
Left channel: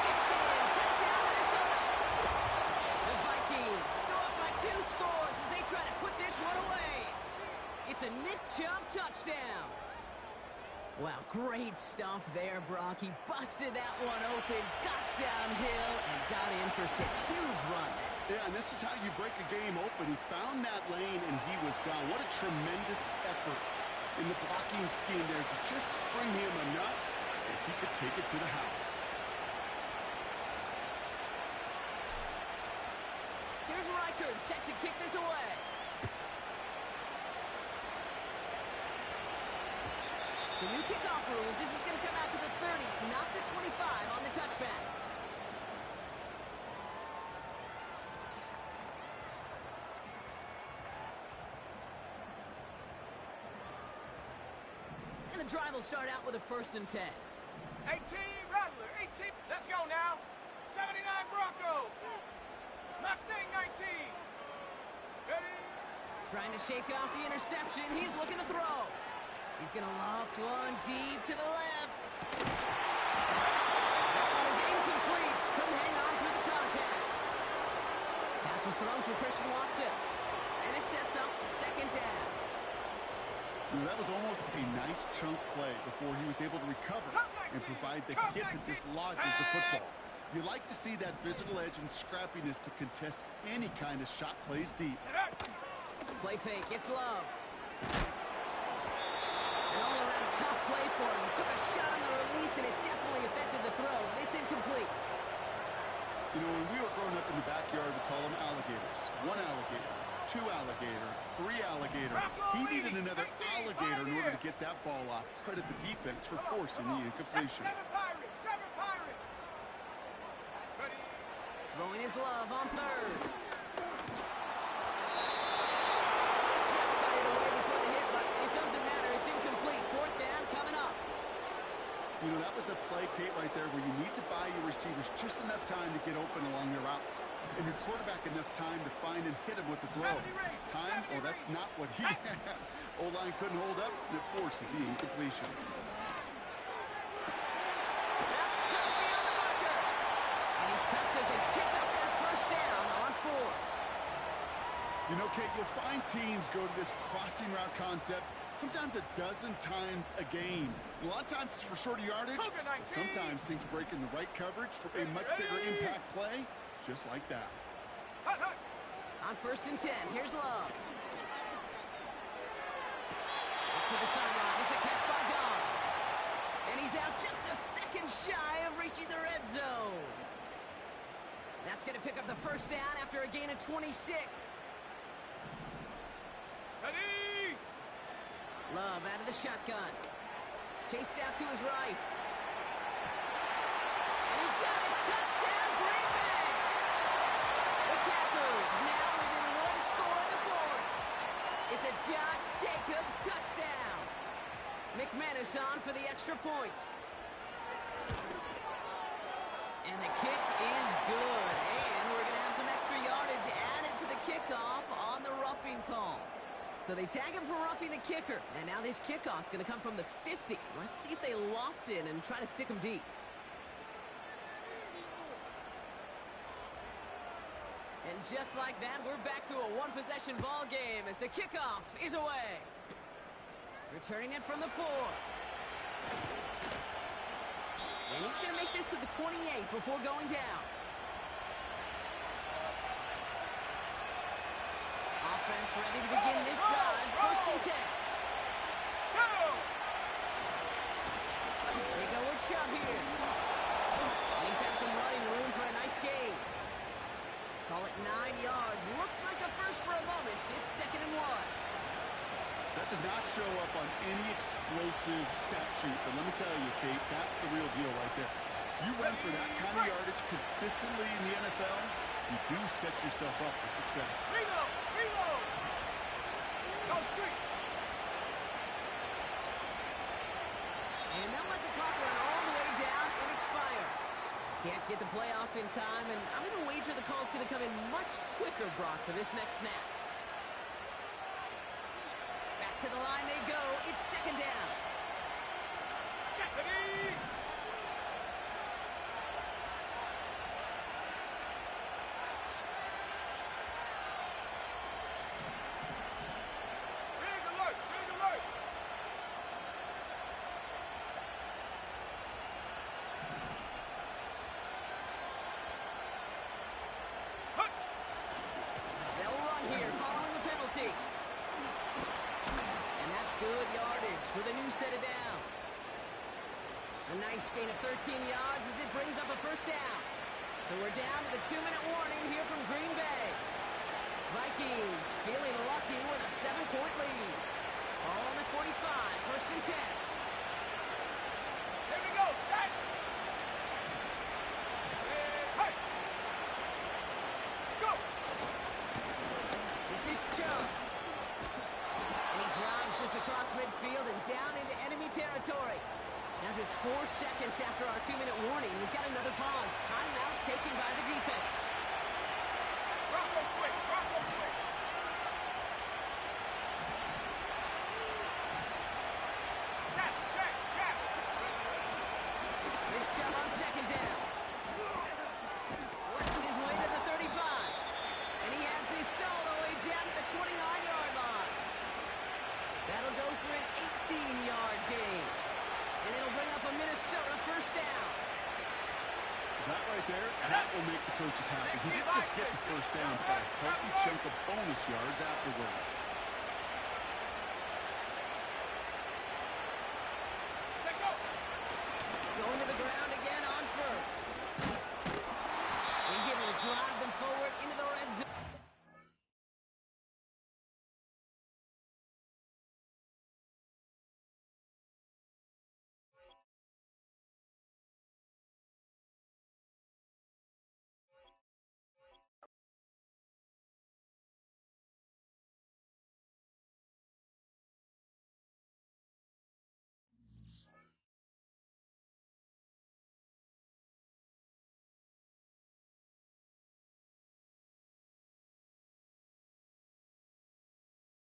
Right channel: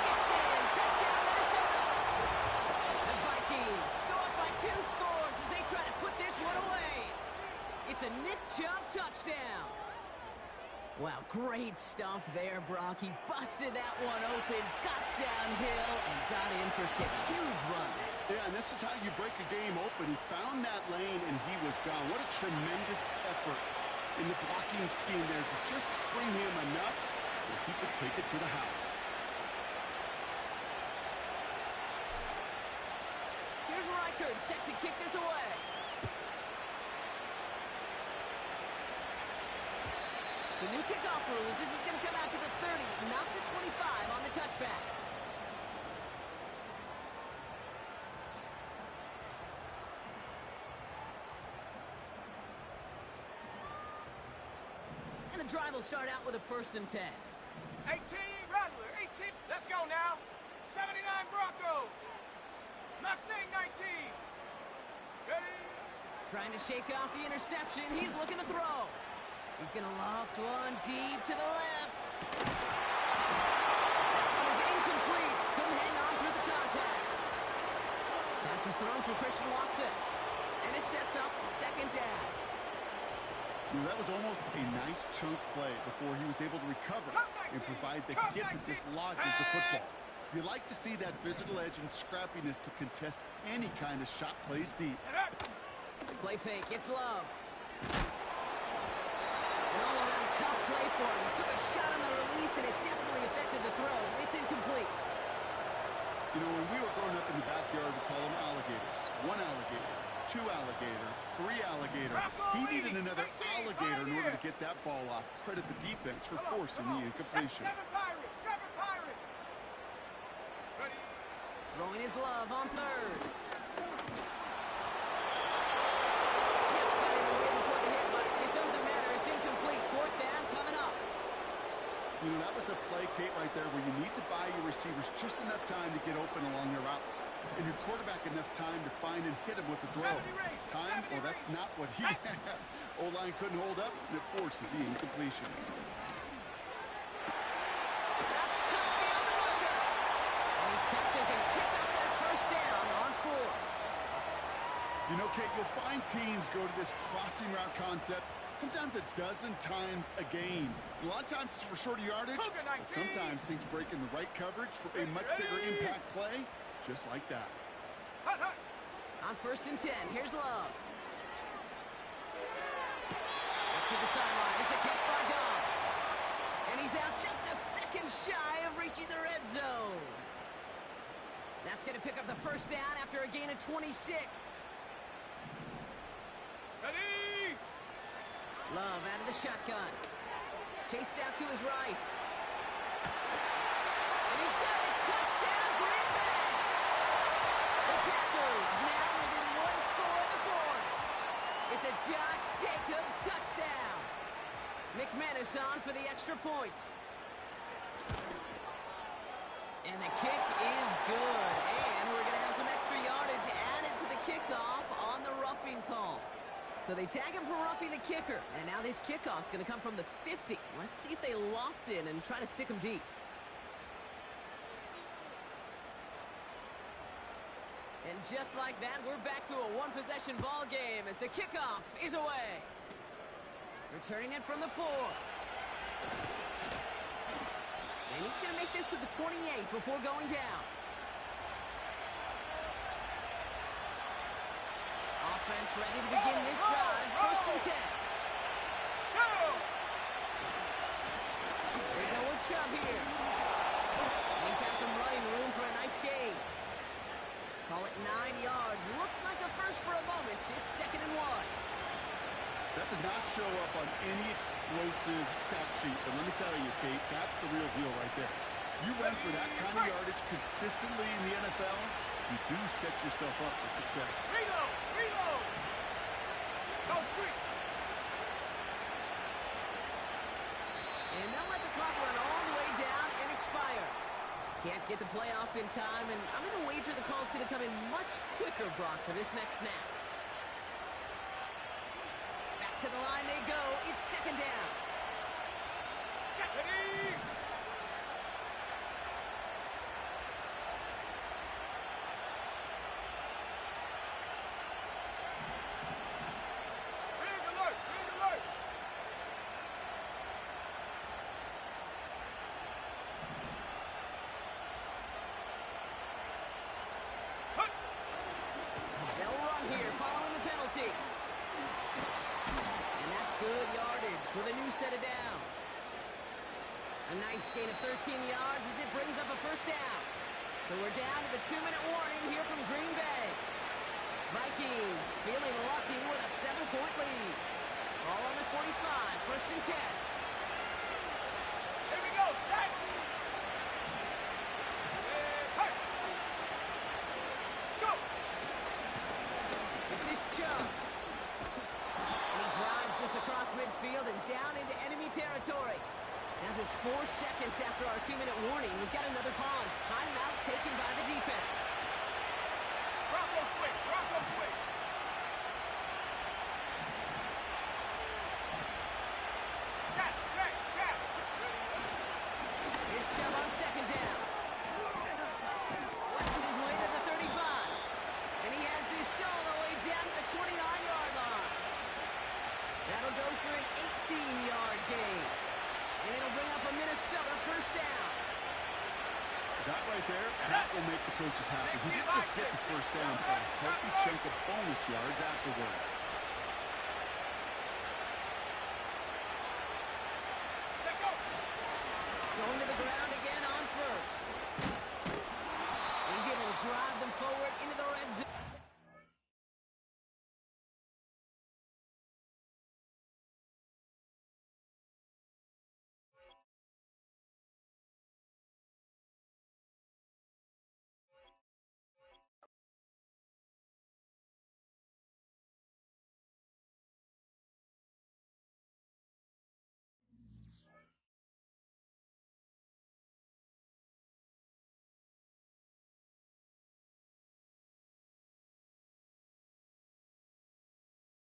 Gets in. Touchdown, Minnesota. The Vikings go up by 2 scores as they try to put this one away. It's a Nick Chubb touchdown. Wow, great stuff there, Brock. He busted that one open, got downhill, and got in for 6. Huge run there. Yeah, and this is how you break a game open. He found that lane, and he was gone. What a tremendous effort in the blocking scheme there to just spring him enough so he could take it to the house. Here's Reichard set to kick this away. So new kickoff rules. This is going to come out to the 30, not the 25 on the touchback. And the drive will start out with a 1st and 10. 18, Rattler, 18. Let's go now. 79, Bronco. Mustang, 19. Ready? Trying to shake off the interception. He's looking to throw. He's going to loft one deep to the left. That one is incomplete. Couldn't hang on through the contact. Pass was thrown for Christian Watson. And it sets up 2nd down. You know, that was almost a nice chunk play before he was able to recover and provide the hit that dislodges the football. You like to see that physical edge and scrappiness to contest any kind of shot plays deep. Play fake. It's Love. An all-around tough play for him. He took a shot on the release, and it definitely affected the throw. It's incomplete. You know, when we were growing up in the backyard, we call them alligators. 1 alligator, 2 alligator, 3 alligator. He needed another alligator in order to get that ball off. Credit the defense for forcing the incompletion. 7 Pirates, 7 Pirates. Ready? Throwing his Love on 3rd. Just got it away before the hit, but it doesn't matter. It's incomplete. 4th down coming up. You know, that was a play, Kate, right there where you need to buy your receivers just enough time to get open along their routes. And your quarterback enough time to find and hit him with the throw. Time? Well, that's not what he had. O-line couldn't hold up, and it forces the incompletion. That's cut beyond the marker. And he's touched as they pick up that 1st down on 4th. You know, Kate, you'll find teams go to this crossing route concept sometimes a dozen times a game. A lot of times it's for shorter yardage, but sometimes things break in the right coverage for a much bigger impact play, just like that. On 1st and 10, here's Love. Let's see the sideline. It's a catch by Dobbs. And he's out just a second shy of reaching the red zone. That's going to pick up the 1st down after a gain of 26. Ready? Love out of the shotgun. Chased out to his right. And he's got it. Touchdown, Green Bay. The Packers now within 1 score in the 4th. It's a Josh Jacobs touchdown. McManus on for the extra point. And the kick is good. And we're going to have some extra yardage added to the kickoff on the roughing call. So they tag him for roughing the kicker. And now this kickoff's going to come from the 50. Let's see if they loft in and try to stick him deep. And just like that, we're back to a one-possession ball game as the kickoff is away. Returning it from the 4. And he's going to make this to the 28 before going down. Offense ready to begin this drive. First and 10. They go with Chubb here. And he found some running room for a nice gain. Call it 9 yards. Looked like a first for a moment. It's 2nd and 1. That does not show up on any explosive stat sheet, but let me tell you, Kate, that's the real deal right there. You run for that kind of yardage consistently in the NFL, you do set yourself up for success. Reload! Reload! Go street! And they'll let the clock run all the way down and expire. Can't get the play off in time, and I'm going to wager the call's going to come in much quicker, Brock, for this next snap. Back to the line they go. It's 2nd down. Secondary! Big alert! Big alert! They'll run here following the penalty. And that's good yardage with a new set of downs. A nice gain of 13 yards as it brings up a first down. So we're down to the 2-minute warning here from Green Bay. Vikings feeling lucky with a 7-point lead. All on the 45, 1st and 10. Here we go, set! Hey! Go! This is Chubb. And he drives this across midfield and down into enemy territory. Now just 4 seconds after our 2-minute warning, we've got another pause. Timeout taken by the defense. Bronco switch! Bronco switch! Check! Check! Check! Here's Chubb on 2nd down. Works his way to the 35. And he has this all the way down to the 29-yard line. That'll go for an 18-yard gain. And it'll bring up a Minnesota first down. That right there, that will make the coaches happy. He didn't just get the first down, but a healthy chunk of bonus yards afterwards. Check go! Going to the ground again on first. He's able to drive them forward into the red zone.